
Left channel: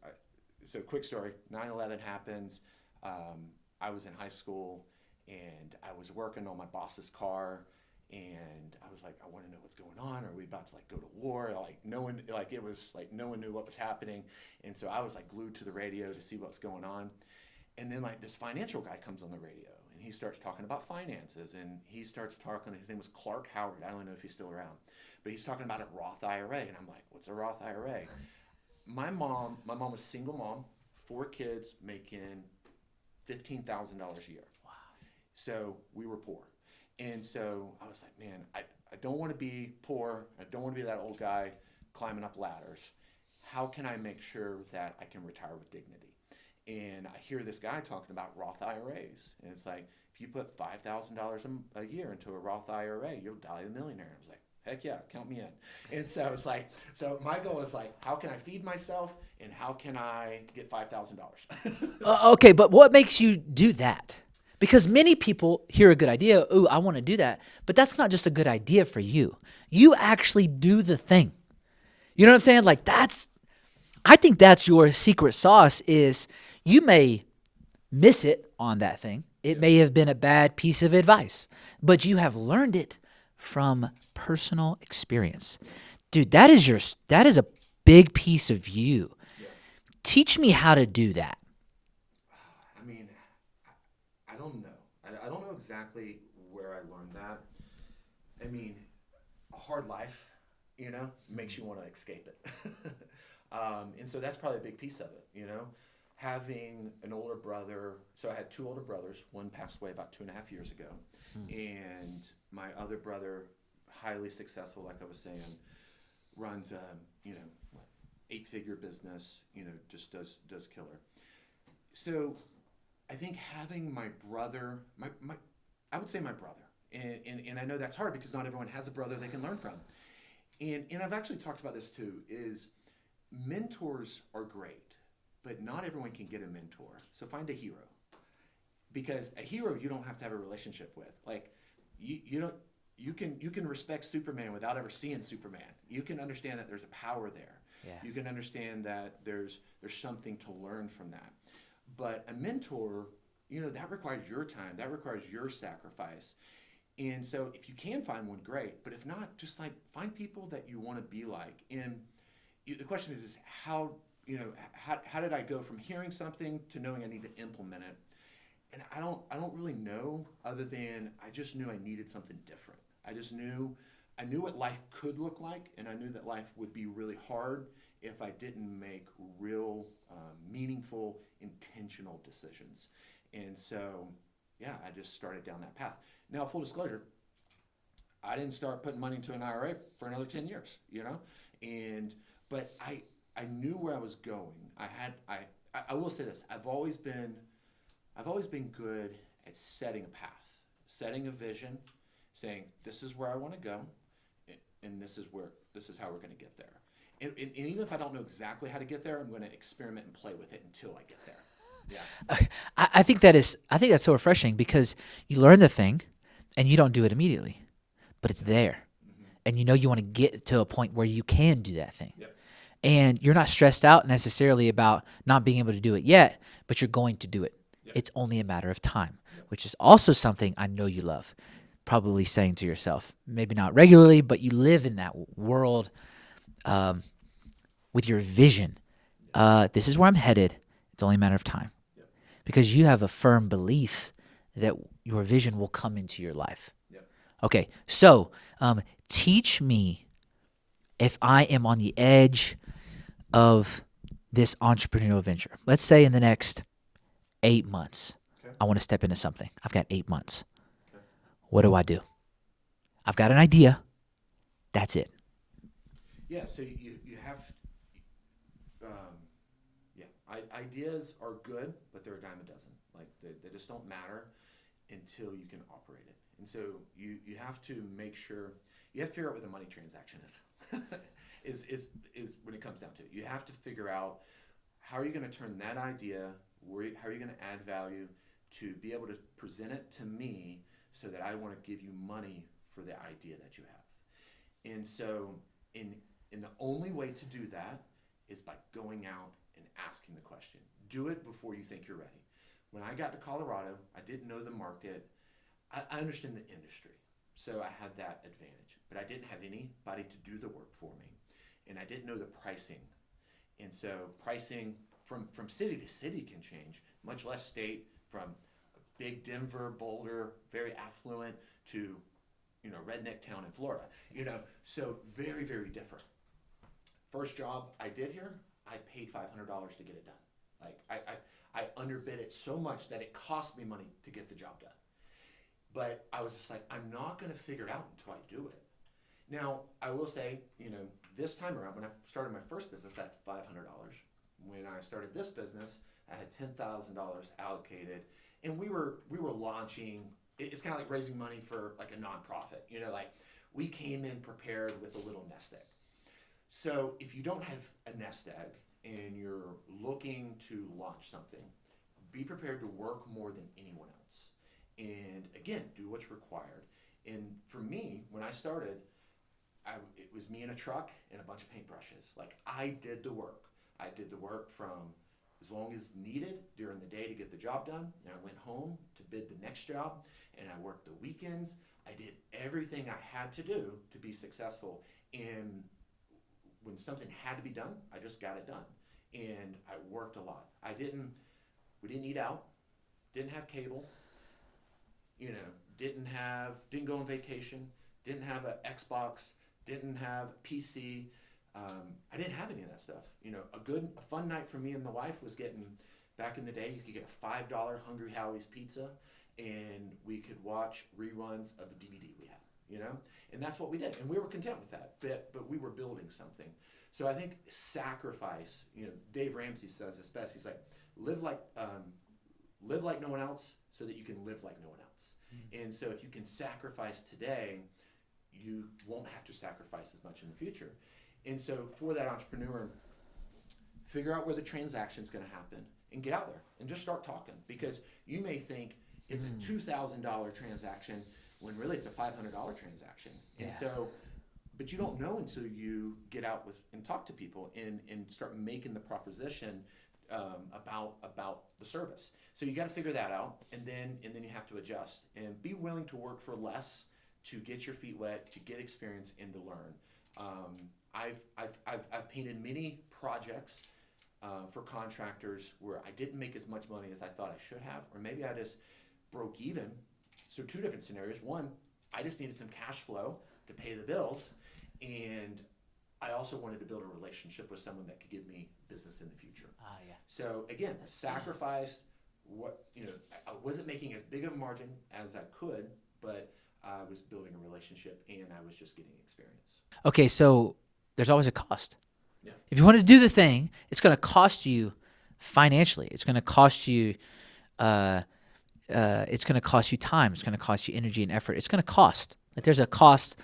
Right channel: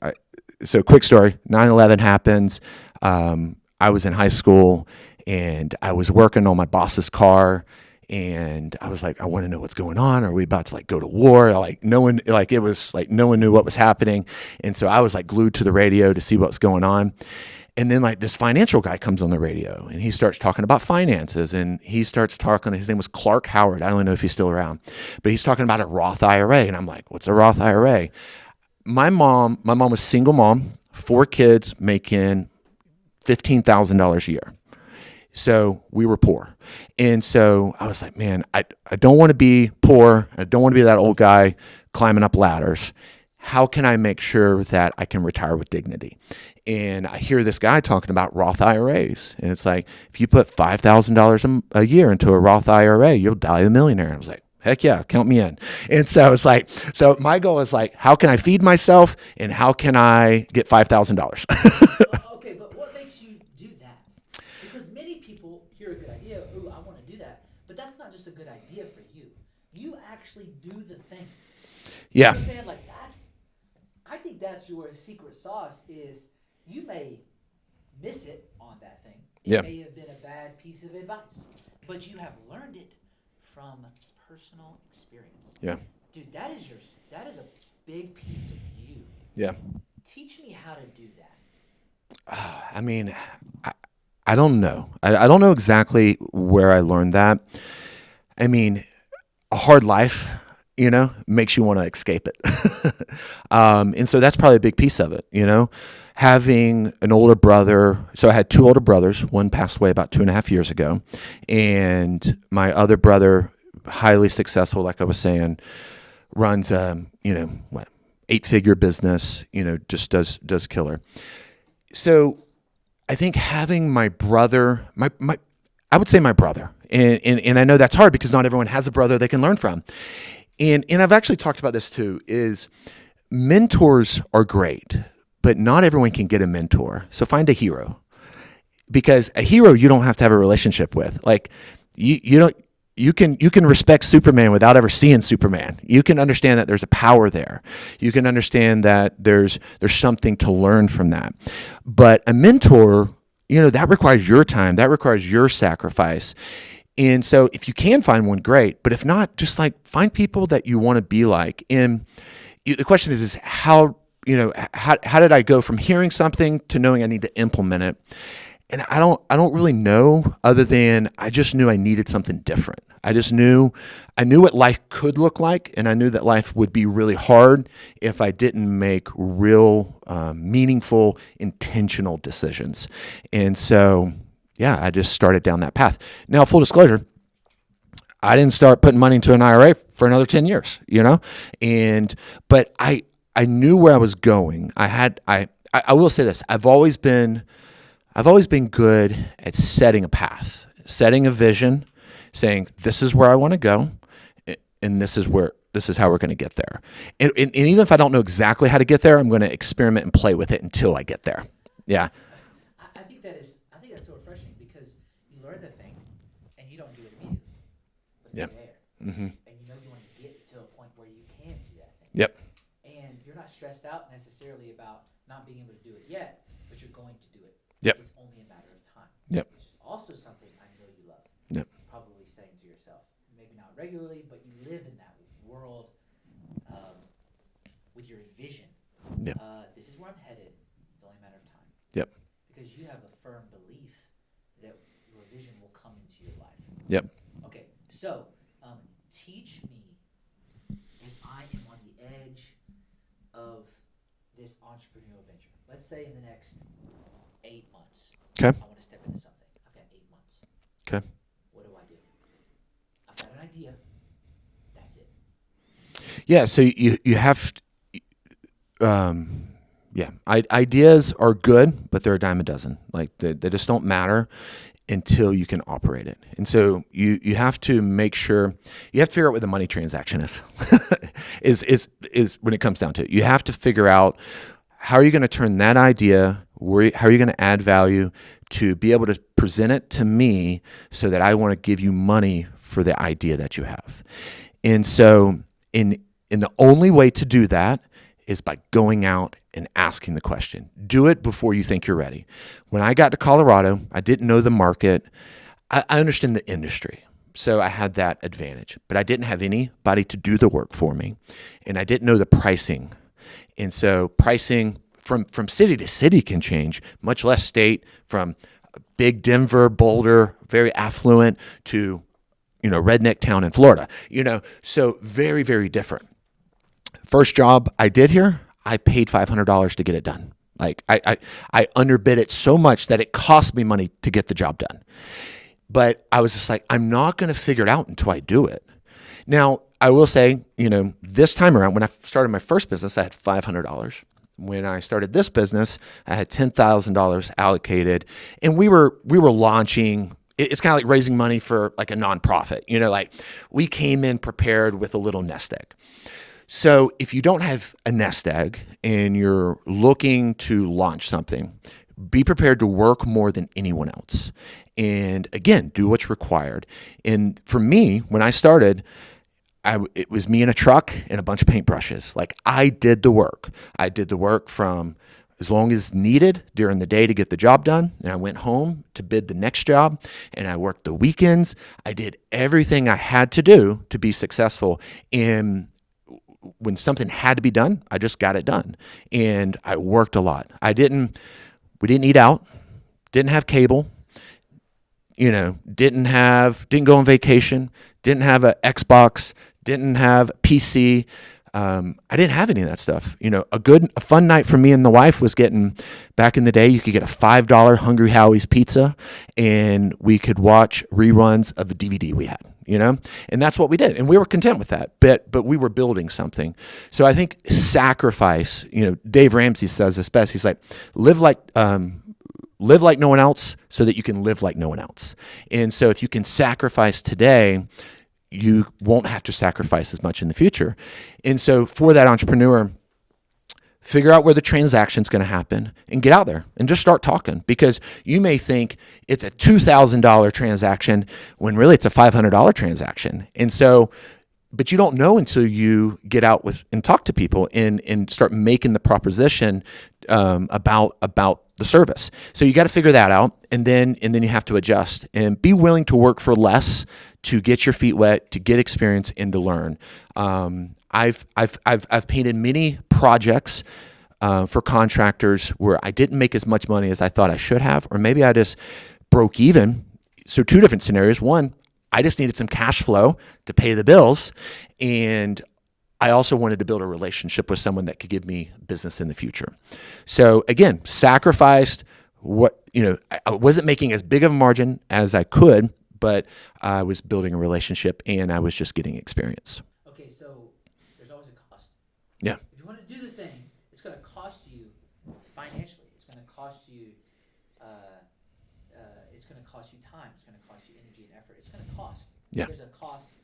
so quick story, 9/11 happens. I was in high school and I was working on my boss's car. And I was like, I want to know what's going on. Are we about to go to war? No one knew what was happening. And so I was glued to the radio to see what's going on. And then this financial guy comes on the radio and he starts talking about finances, and he starts talking, his name was Clark Howard. I don't know if he's still around, but he's talking about a Roth IRA. And I'm like, what's a Roth IRA? My mom was single mom, 4 kids, making $15,000 a year. So we were poor. And so I was like, man, I don't want to be poor. I don't want to be that old guy climbing up ladders. How can I make sure that I can retire with dignity? And I hear this guy talking about Roth IRAs. And it's like, if you put $5,000 a year into a Roth IRA, you'll die a millionaire. I was like, heck yeah, count me in. And so it's so my goal is how can I feed myself and how can I get $5,000? Okay, but what makes you do that? Because many people hear a good idea, ooh, I want to do that. But that's not just a good idea for you. You actually do the thing. You know what I'm saying? I think that's your secret sauce is you may miss it on that thing. It may have been a bad piece of advice, but you have learned it from personal experience. Yeah. Dude, that is a big piece of you. Yeah. Teach me how to do that. I mean, I, I don't know. I don't know exactly where I learned that. I mean, a hard life, makes you want to escape it. And so that's probably a big piece of it. Having an older brother. So I had two older brothers. One passed away about 2.5 years ago. And my other brother, highly successful, like I was saying, runs, 8-figure business, just does killer. So I think having my brother, I would say my brother, and I know that's hard because not everyone has a brother they can learn from. And I've actually talked about this too, is mentors are great, but not everyone can get a mentor. So find a hero, because a hero you don't have to have a relationship with. Like you don't. You can respect Superman without ever seeing Superman. You can understand that there's a power there. You can understand that there's something to learn from that. But a mentor, that requires your time. That requires your sacrifice. And so if you can find one, great. But if not, just like find people that you want to be like. And the question is how did I go from hearing something to knowing I need to implement it? And I don't really know, other than I just knew I needed something different. I knew what life could look like, and I knew that life would be really hard if I didn't make real, meaningful, intentional decisions. And so, yeah, I just started down that path. Now, full disclosure, I didn't start putting money into an IRA for another 10 years, but I knew where I was going. I will say this. I've always been good at setting a path, setting a vision, saying this is where I want to go, and this is how we're going to get there. And even if I don't know exactly how to get there, I'm going to experiment and play with it until I get there. Yeah. I think that's so refreshing, because you learn the thing and you don't do it immediately, but it's there. Mm-hmm. And you want to get to a point where you can do that thing. Yep. And you're not stressed out necessarily about not being able to do it yet, but you're going to do it. Yep. It's only a matter of time, yep. which is also something I know you love. Yep. Probably saying to yourself, maybe not regularly, but you live in that world with your vision. Yep. This is where I'm headed. It's only a matter of time. Yep. Because you have a firm belief that your vision will come into your life. Yep. Okay, so teach me, if I am on the edge of this entrepreneurial venture. Let's say in the next 8 months, okay, I want to step into something. I've got 8 months. Okay. What do I do? I've got an idea. That's it. Yeah. So you have, ideas are good, but they're a dime a dozen. Like they just don't matter until you can operate it. And so you have to make sure, you have to figure out what the money transaction is, is when it comes down to it. You have to figure out, how are you going to turn that idea, how are you going to add value to be able to present it to me so that I want to give you money for the idea that you have. And so in the only way to do that is by going out and asking the question. Do it before you think you're ready. When I got to Colorado, I didn't know the market. I understand the industry, so I had that advantage. But I didn't have anybody to do the work for me, and I didn't know the pricing. And so pricing from city to city can change, much less state, from big Denver, Boulder, very affluent, to redneck town in Florida. So very, very different. First job I did here, I paid $500 to get it done. Like I underbid it so much that it cost me money to get the job done. But I was just like, I'm not going to figure it out until I do it. Now, I will say, this time around, when I started my first business, I had $500. When I started this business, I had $10,000 allocated, and we were launching. It's kind of like raising money for like a nonprofit. Like we came in prepared with a little nest egg. So if you don't have a nest egg and you're looking to launch something, be prepared to work more than anyone else. And again, do what's required. And for me, when I started, it was me in a truck and a bunch of paintbrushes. Like I did the work. I did the work from as long as needed during the day to get the job done. And I went home to bid the next job, and I worked the weekends. I did everything I had to do to be successful. And when something had to be done, I just got it done. And I worked a lot. I didn't We didn't eat out, didn't have cable, didn't go on vacation, didn't have an Xbox, didn't have PC. I didn't have any of that stuff. A fun night for me and the wife was getting, back in the day, you could get a $5 Hungry Howie's pizza, and we could watch reruns of the DVD we had, and that's what we did. And we were content with that, but we were building something. So I think sacrifice, Dave Ramsey says this best. He's like, live like no one else so that you can live like no one else. And so if you can sacrifice today, you won't have to sacrifice as much in the future. And so for that entrepreneur, figure out where the transaction's going to happen and get out there and just start talking, because you may think it's a $2,000 transaction when really it's a $500 transaction. And so, but you don't know until you get out with and talk to people and start making the proposition about the service. So you got to figure that out, and then you have to adjust and be willing to work for less to get your feet wet, to get experience, and to learn. I've painted many projects for contractors where I didn't make as much money as I thought I should have, or maybe I just broke even. So two different scenarios. One, I just needed some cash flow to pay the bills, and I also wanted to build a relationship with someone that could give me business in the future. So again, sacrificed I wasn't making as big of a margin as I could, but I was building a relationship and I was just getting experience. Okay, so there's always a cost. Yeah. If you want to do the thing, it's going to cost you financially. It's going to cost you time. It's going to cost you energy and effort. It's going to cost. Yeah. There's a cost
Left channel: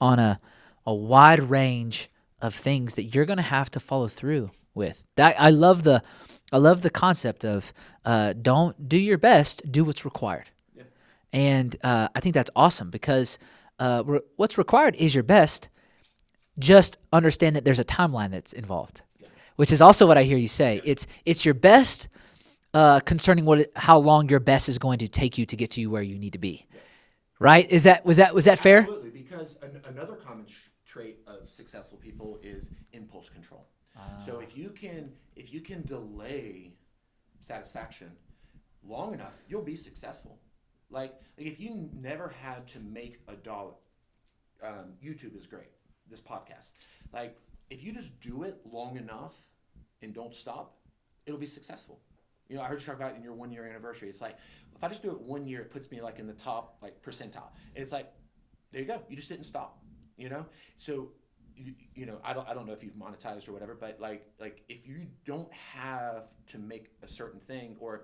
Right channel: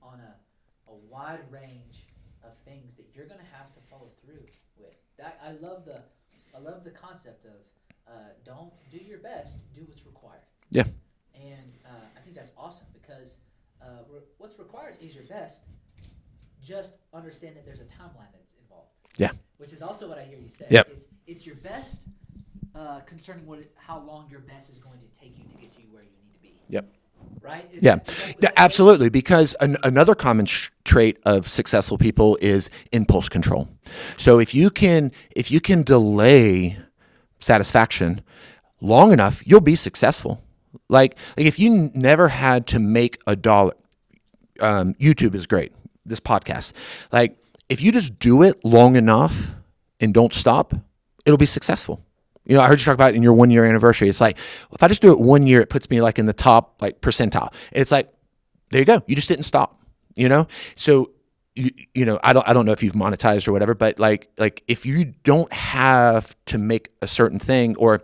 on a wide range of things that you're going to have to follow through with. I love the concept of don't do your best, do what's required. Yeah. And I think that's awesome, because what's required is your best. Just understand that there's a timeline that's involved. Yeah. Which is also what I hear you say. Yep. It's your best concerning how long your best is going to take you to get to where you need to be. Yep. Right? Was that fair? Absolutely, because another common trait of successful people is impulse control. So if you can delay satisfaction long enough, you'll be successful. Like if you never had to make $1, YouTube is great. This podcast, like if you just do it long enough and don't stop, it'll be successful. I heard you talk about it in your 1 year anniversary. It's like, if I just do it 1 year, it puts me like in the top percentile. And it's like, there you go. You just didn't stop. So I don't know if you've monetized or whatever, but like if you don't have to make a certain thing, or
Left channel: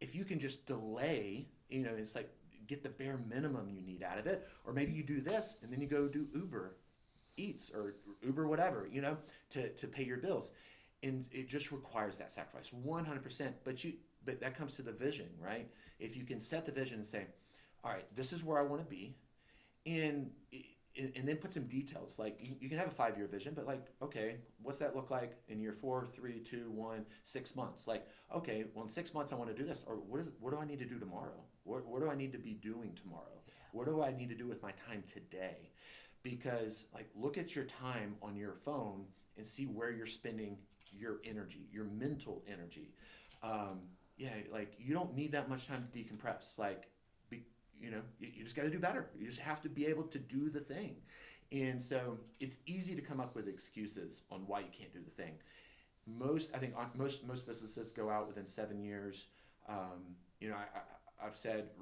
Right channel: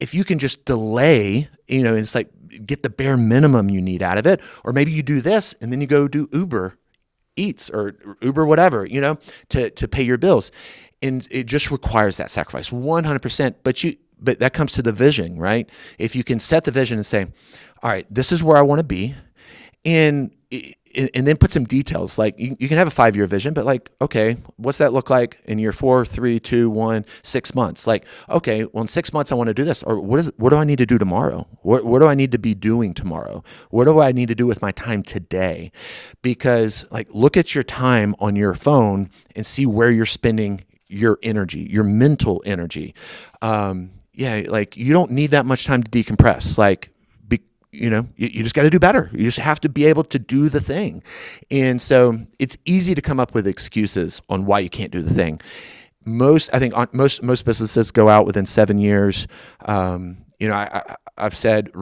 if you can just delay, it's like get the bare minimum you need out of it, or maybe you do this and then you go do Uber Eats or Uber whatever, to pay your bills. And it just requires that sacrifice 100%. But that comes to the vision, right? If you can set the vision and say, all right, this is where I want to be. And then put some details. Like you can have a 5-year vision, but like, okay, what's that look like in year 4, 3, 2, 1, 6 months? Like, okay, well in 6 months I want to do this. Or what do I need to do tomorrow? What do I need to be doing tomorrow? What do I need to do with my time today? Because like, look at your time on your phone and see where you're spending your energy, your mental energy. Like you don't need that much time to decompress. Like, you just got to do better. You just have to be able to do the thing. And so it's easy to come up with excuses on why you can't do the thing. Most businesses go out within 7 years. I've said,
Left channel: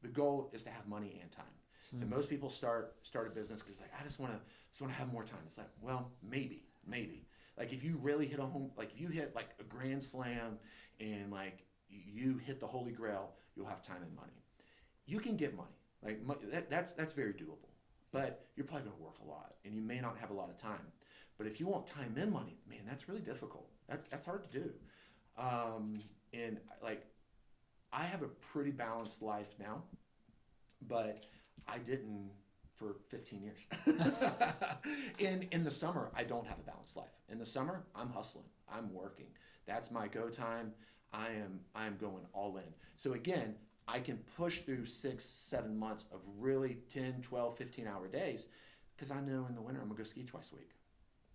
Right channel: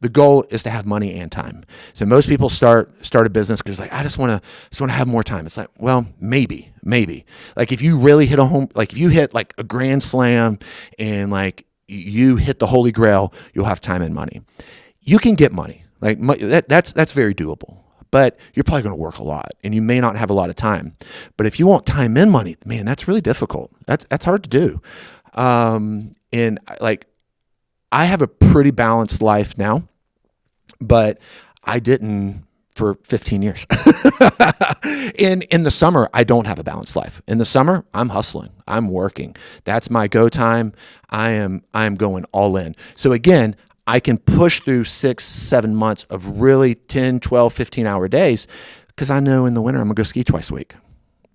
the goal is to have money and time. So most people start a business because I just want to have more time. It's like, well, maybe. Like if you really hit a home, like if you hit like a grand slam and like you hit the holy grail, you'll have time and money. You can get money. Like that's very doable. But you're probably going to work a lot and you may not have a lot of time. But if you want time and money, man, that's really difficult. That's hard to do. And like I have a pretty balanced life now, but I didn't for 15 years. In the summer, I don't have a balanced life. In the summer, I'm hustling. I'm working. That's my go time. I am going all in. So again, I can push through 6, 7 months of really 10, 12, 15 hour days because I know in the winter I'm going to go ski twice a week.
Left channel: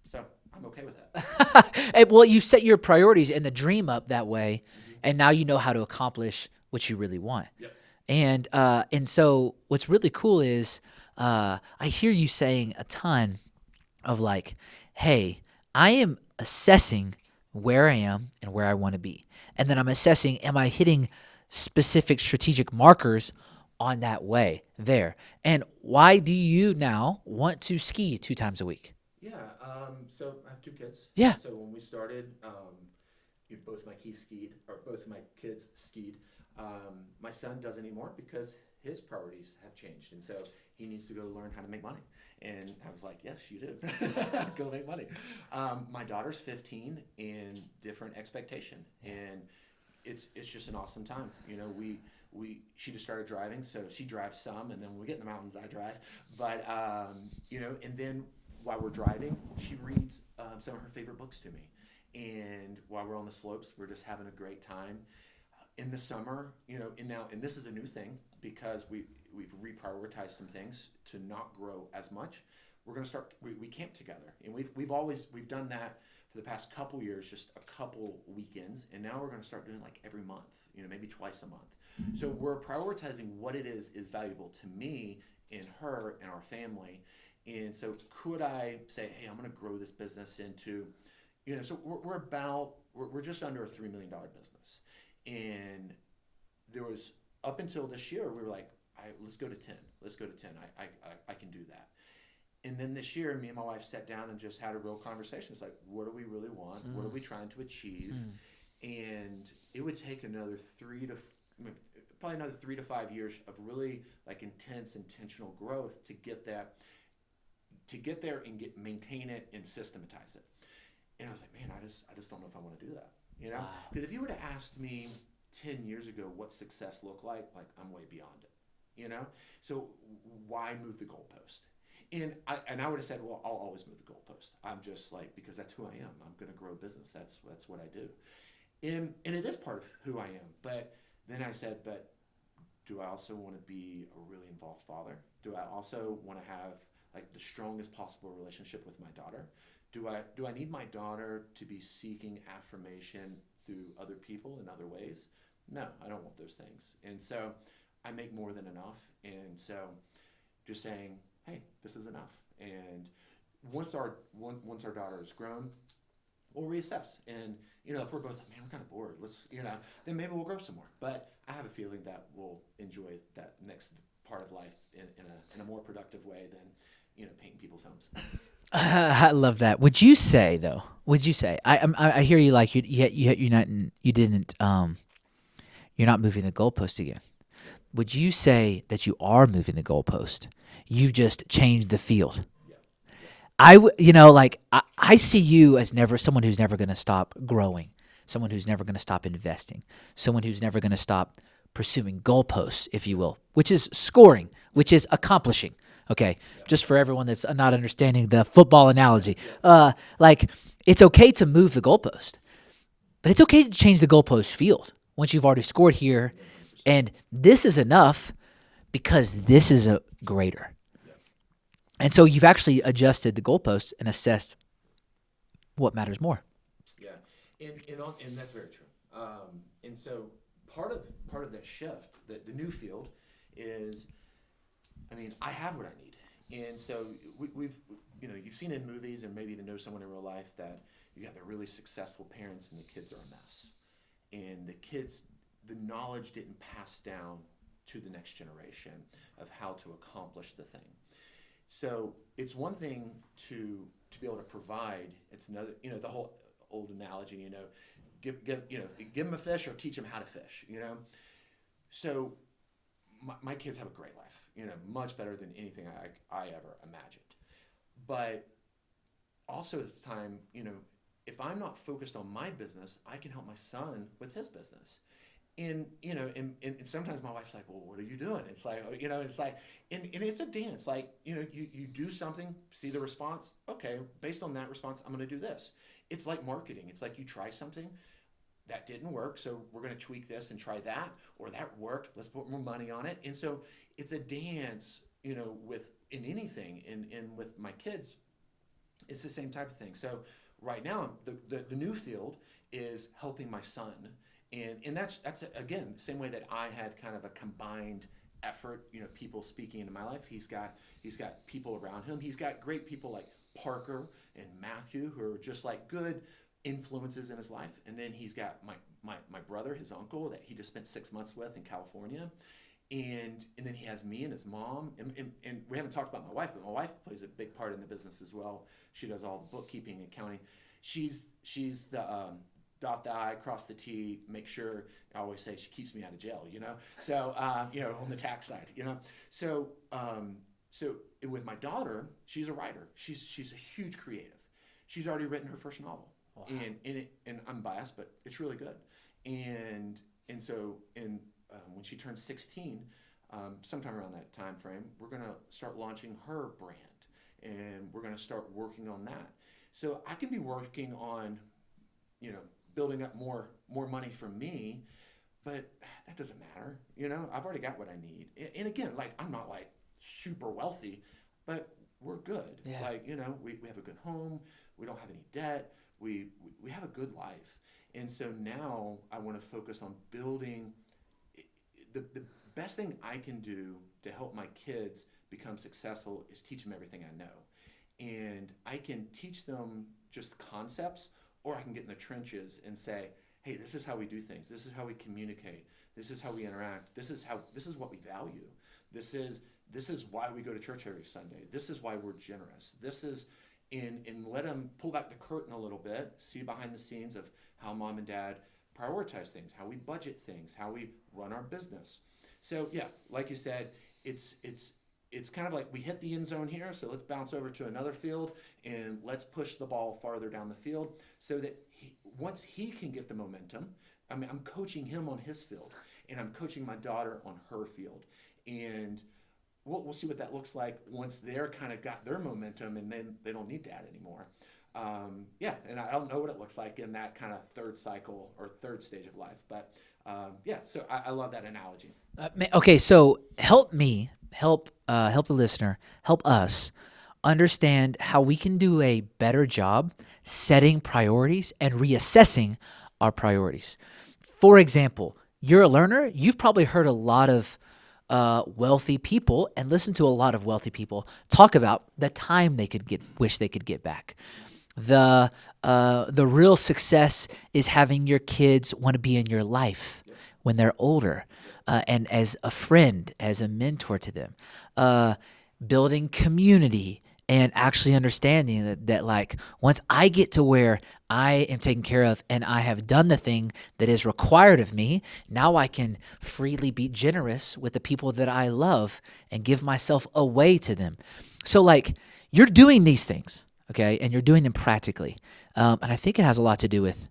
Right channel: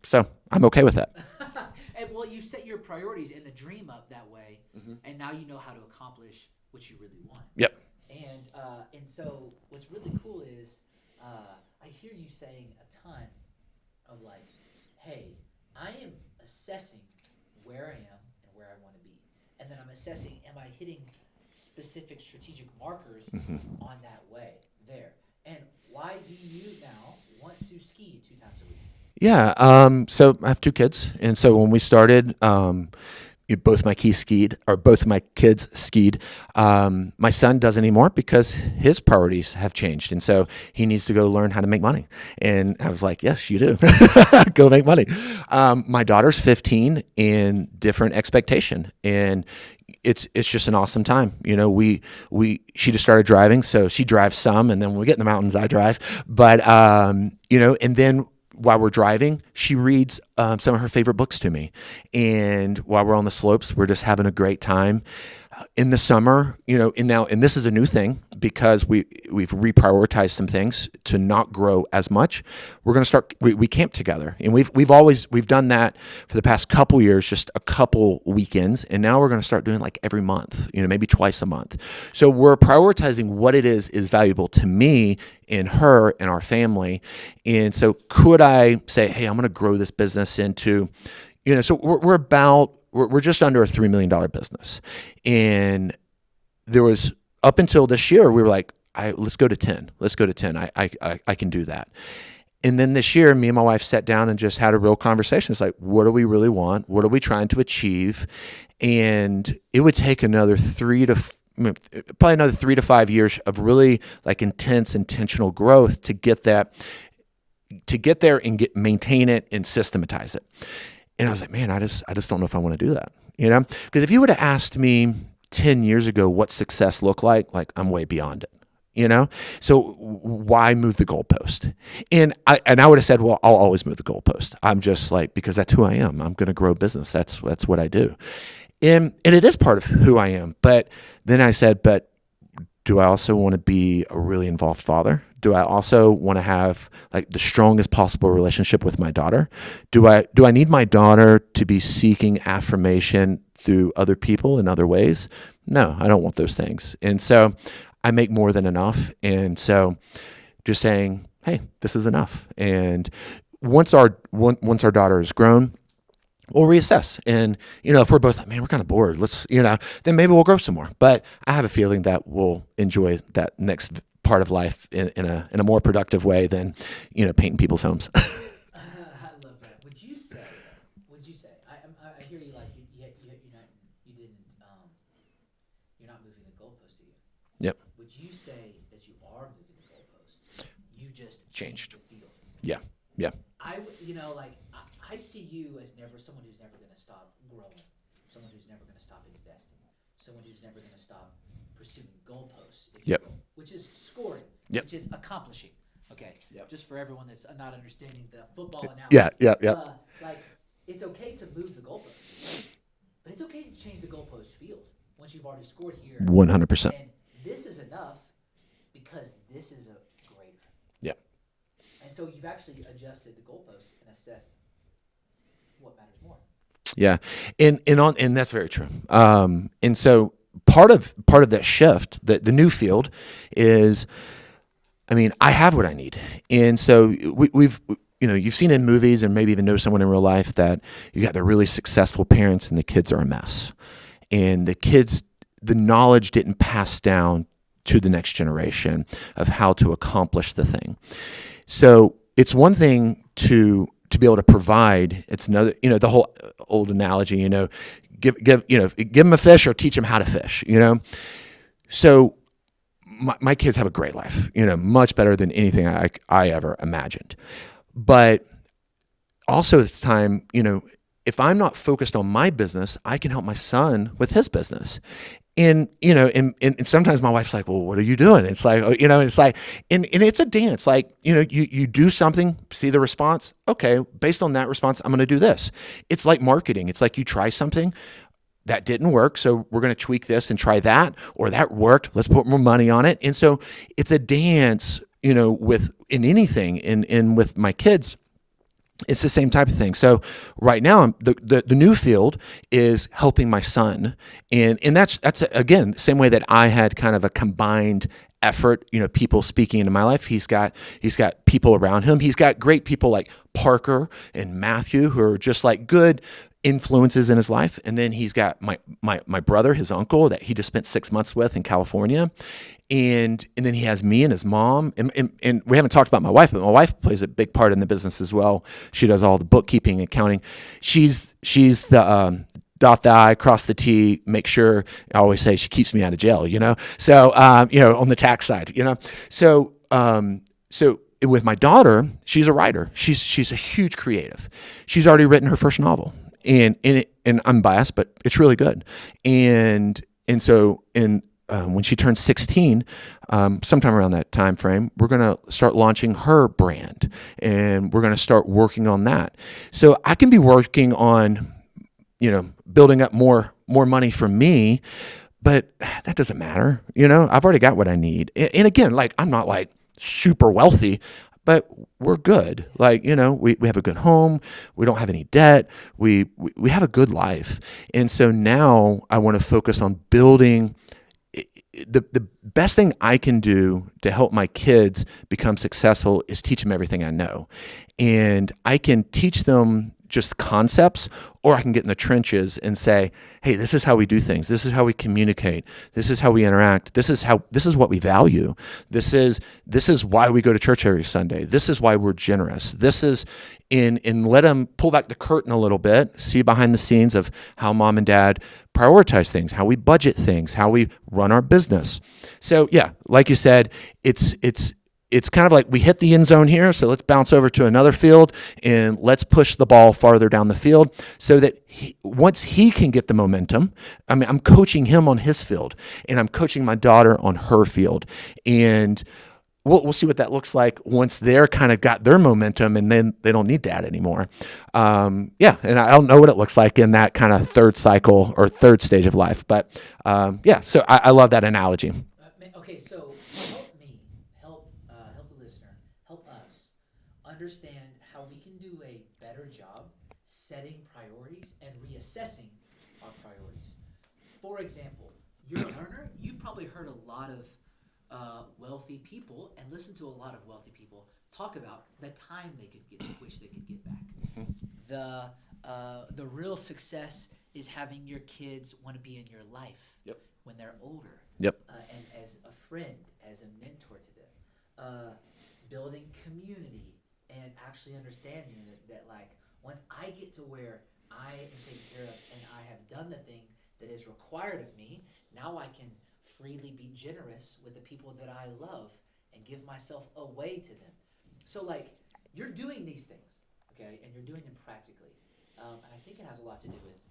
So I'm okay with that. Well, you set your priorities and the dream up that way, and now you know how to accomplish what you really want. Yep. And so what's really cool is I hear you saying a ton of like, hey, I am assessing where I am and where I want to be. And then I'm assessing, am I hitting specific strategic markers on that way there? And why do you now want to ski 2 times a week? Yeah. So I have 2 kids. Yeah. And so when we started, both my kids skied. My son doesn't anymore because his priorities have changed. And so he needs to go learn how to make money. And I was like, yes, you do. Go make money. My daughter's 15 in different expectation. And it's just an awesome time. You know, she just started driving, so she drives some, and then when we get in the mountains, I drive. But, you know, and then while we're driving, she reads some of her favorite books to me. And while we're on the slopes, we're just having a great time. In the summer, you know, and this is a new thing because we've reprioritized some things to not grow as much. We're going to start. We camp together, and we've done that for the past couple years, just a couple weekends, and now we're going to start doing like every month, you know, maybe twice a month. So we're prioritizing what it is valuable to me and her and our family. And so could I say, hey, I'm going to grow this business into, you know, so we're just under a $3 million business. And there was, up until this year, we were like, let's go to 10. Let's go to 10. I can do that. And then this year, me and my wife sat down and just had a real conversation. It's like, what do we really want? What are we trying to achieve? And it would take another 3 to 5 years of really like intentional growth to get there and maintain it and systematize it. And I was like, man, I just don't know if I want to do that, you know? Because if you would have asked me 10 years ago what success looked like I'm way beyond it, you know? So why move the goalpost? And I would have said, well, I'll always move the goalpost. I'm just like, because that's who I am. I'm going to grow business. That's what I do. And it is part of who I am. But then I said, but do I also want to be a really involved father? Do I also want to have like the strongest possible relationship with my daughter? Do I need my daughter to be seeking affirmation through other people in other ways? No, I don't want those things. And so I make more than enough. And so just saying, hey, this is enough. And once our daughter is grown, we'll reassess. And, you know, if we're both like, man, we're kind of bored, then maybe we'll grow some more. But I have a feeling that we'll enjoy that next part of life in a more productive way than, you know, painting people's homes. I love that. Would you say I hear you like you're not moving the goalpost again. Yep. Would you say that you are moving the goalpost? You've just changed the field. Yeah. Yeah. I see you as someone who's never going to stop growing, someone who's never going to stop investing, someone who's never going to stop pursuing goalposts, if you will, which is scoring, which is accomplishing. Okay, just for everyone that's not understanding the football analogy. Like it's okay to move the goalpost, but it's okay to change the goalpost field once you've already scored here. 100%. And this is enough because this is a greater. Yeah. And so you've actually adjusted the goalposts and assessed what matters more. Yeah, and that's very true. And so part of that shift, the new field, is, I mean, I have what I need, and so we've you've seen in movies and maybe even know someone in real life that you got the really successful parents and the kids are a mess, and the knowledge didn't pass down to the next generation of how to accomplish the thing. So it's one thing to be able to provide. It's another, the whole old analogy, give them a fish or teach them how to fish, So my kids have a great life, much better than anything I ever imagined. But also it's time, if I'm not focused on my business, I can help my son with his business. And sometimes my wife's like, well, what are you doing? It's like, and it's a dance. Like, you do something, see the response. Okay, based on that response, I'm going to do this. It's like marketing. It's like you try something that didn't work. So we're going to tweak this and try that, or that worked. Let's put more money on it. And so it's a dance, in anything and with my kids. It's the same type of thing. So right now, the new field is helping my son, and that's again the same way that I had kind of a combined effort. People speaking into my life. He's got people around him. He's got great people like Parker and Matthew who are just like good influences in his life, and then he's got my brother, his uncle that he just spent 6 months with in California. And then he has me and his mom, and we haven't talked about my wife, but my wife plays a big part in the business as well. She does all the bookkeeping, accounting. She's the dot the I, cross the T, make sure. I always say she keeps me out of jail, So on the tax side, So with my daughter, she's a writer. She's a huge creative. She's already written her first novel, and I'm biased, but it's really good. And so when she turns 16, sometime around that time frame, we're going to start launching her brand, and we're going to start working on that. So I can be working on, building up more money for me, but that doesn't matter. I've already got what I need. And again, like, I'm not like super wealthy, but we're good. Yeah. Like, we have a good home. We don't have any debt. We have a good life. And so now I want to focus on building. The best thing I can do to help my kids become successful is teach them everything I know. And I can teach them just concepts, or I can get in the trenches and say, hey, this is how we do things. This is how we communicate. This is how we interact. This is what we value. This is why we go to church every Sunday. This is why we're generous. This is let them pull back the curtain a little bit, see behind the scenes of how mom and dad prioritize things, how we budget things, how we run our business. So yeah, like you said, it's kind of like we hit the end zone here, so let's bounce over to another field and let's push the ball farther down the field so that once he can get the momentum, I'm coaching him on his field, and I'm coaching my daughter on her field. And we'll see what that looks like once they're kind of got their momentum, and then they don't need dad anymore. And I don't know what it looks like in that kind of third cycle or third stage of life. But so I love that analogy. Okay, so help the listener, help us understand how we can do a better job setting priorities and reassessing our priorities. For example, you're a learner. You've probably heard a lot of wealthy people and listened to a lot of wealthy people talk about the time they wish they could get back. The real success is having your kids want to be in your life when they're older, and as a friend, as a mentor to them. Building community and actually understanding that like once I get to where I am taken care of and I have done the thing that is required of me, now I can freely be generous with the people that I love and give myself away to them. So like you're doing these things, okay, and you're doing them practically, and I think it has a lot to do with.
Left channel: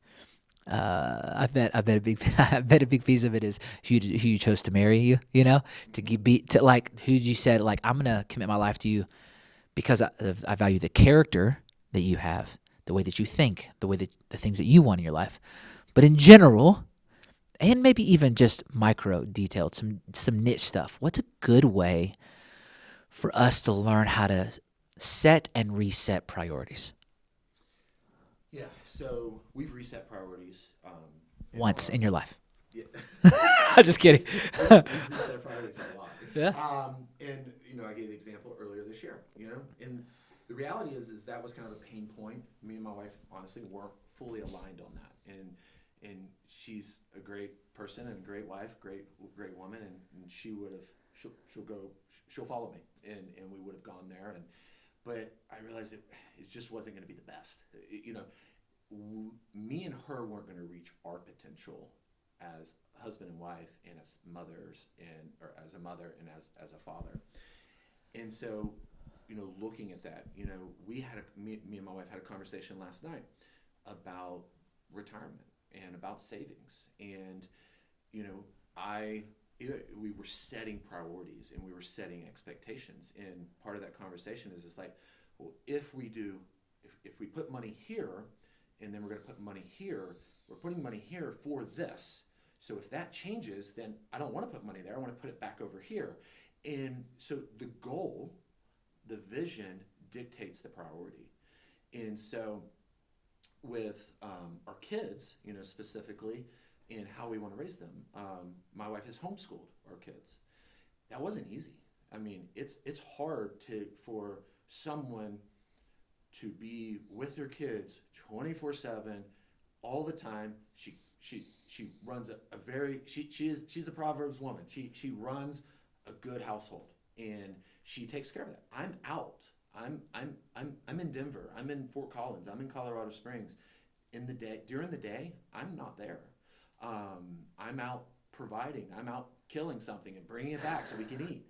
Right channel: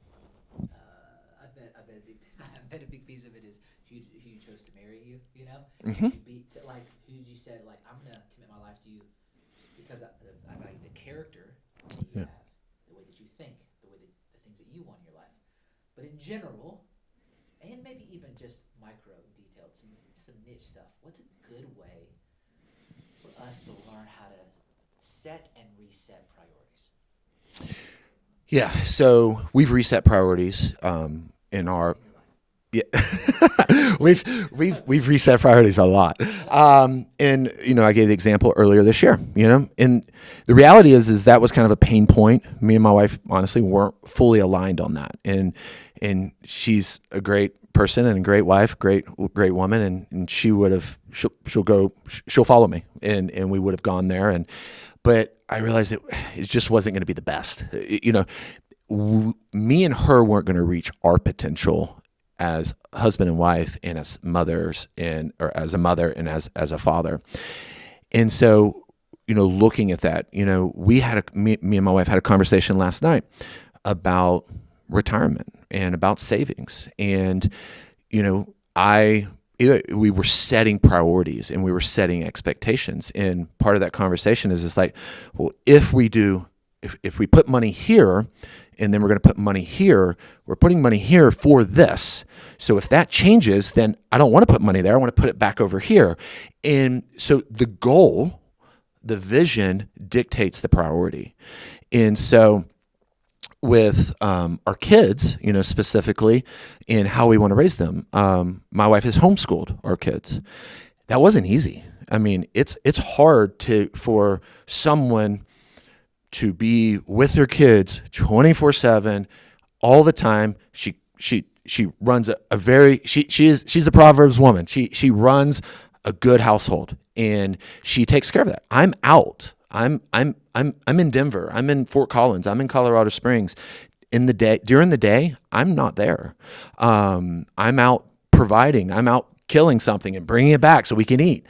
I bet a big piece of it is who you chose to marry you. Who you said like I'm gonna commit my life to you because I value the character that you have, the way that you think, the things that you want in your life. But in general, and maybe even just micro detailed, some niche stuff. What's a good way for us to learn how to set and reset priorities? Yeah, so we've reset priorities once in your life. Yeah, I'm just kidding. we've reset priorities a lot. Yeah. And I gave the example earlier this year. And the reality is that was kind of a pain point. Me and my wife honestly weren't fully aligned on that. And she's a great person and a great wife, great woman, and she'll follow me, and we would have gone there. But I realized it just wasn't going to be the best. Me and her weren't going to reach our potential as husband and wife, and as mothers, or as a mother and as a father. And so, looking at that, me and my wife had a conversation last night about retirement and about savings, and we were setting priorities and we were setting expectations. And part of that conversation is like, well, if we put money here and then we're going to put money here, we're putting money here for this. So if that changes, then I don't want to put money there. I want to put it back over here. And so the goal, the vision dictates the priority. And so with our kids, specifically in how we want to raise them, my wife has homeschooled our kids. That wasn't easy. I mean, it's hard for someone to be with their kids 24/7 all the time. She runs she's a Proverbs woman. She runs a good household, and she takes care of that. I'm out. I'm in Denver. I'm in Fort Collins. I'm in Colorado Springs. During the day, I'm not there. I'm out providing. I'm out killing something and bringing it back so we can eat.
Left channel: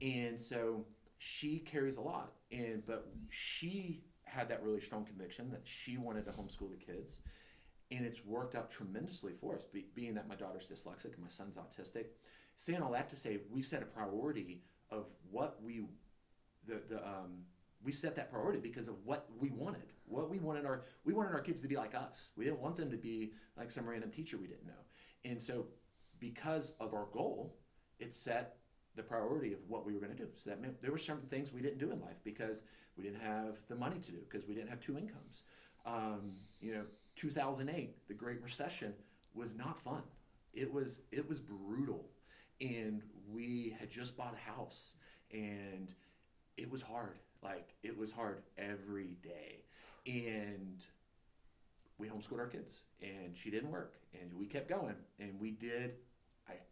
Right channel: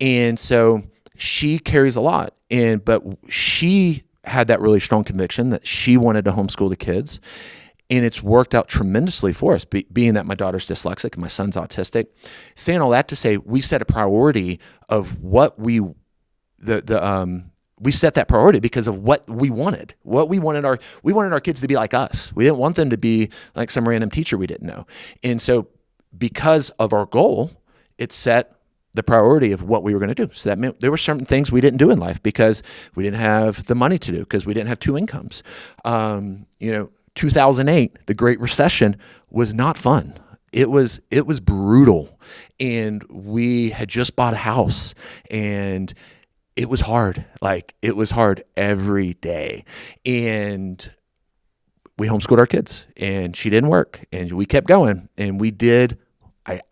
And so she carries a lot. But she had that really strong conviction that she wanted to homeschool the kids. And it's worked out tremendously for us, being that my daughter's dyslexic and my son's autistic. Saying all that to say, we set a priority of what we set that priority because of what we wanted. We wanted our kids to be like us. We didn't want them to be like some random teacher we didn't know. And so because of our goal, it set the priority of what we were going to do. So that meant there were certain things we didn't do in life because we didn't have the money to do, because we didn't have two incomes. 2008, the Great Recession, was not fun. It was brutal, and we had just bought a house, and it was hard. Like, it was hard every day, and we homeschooled our kids, and she didn't work, and we kept going, and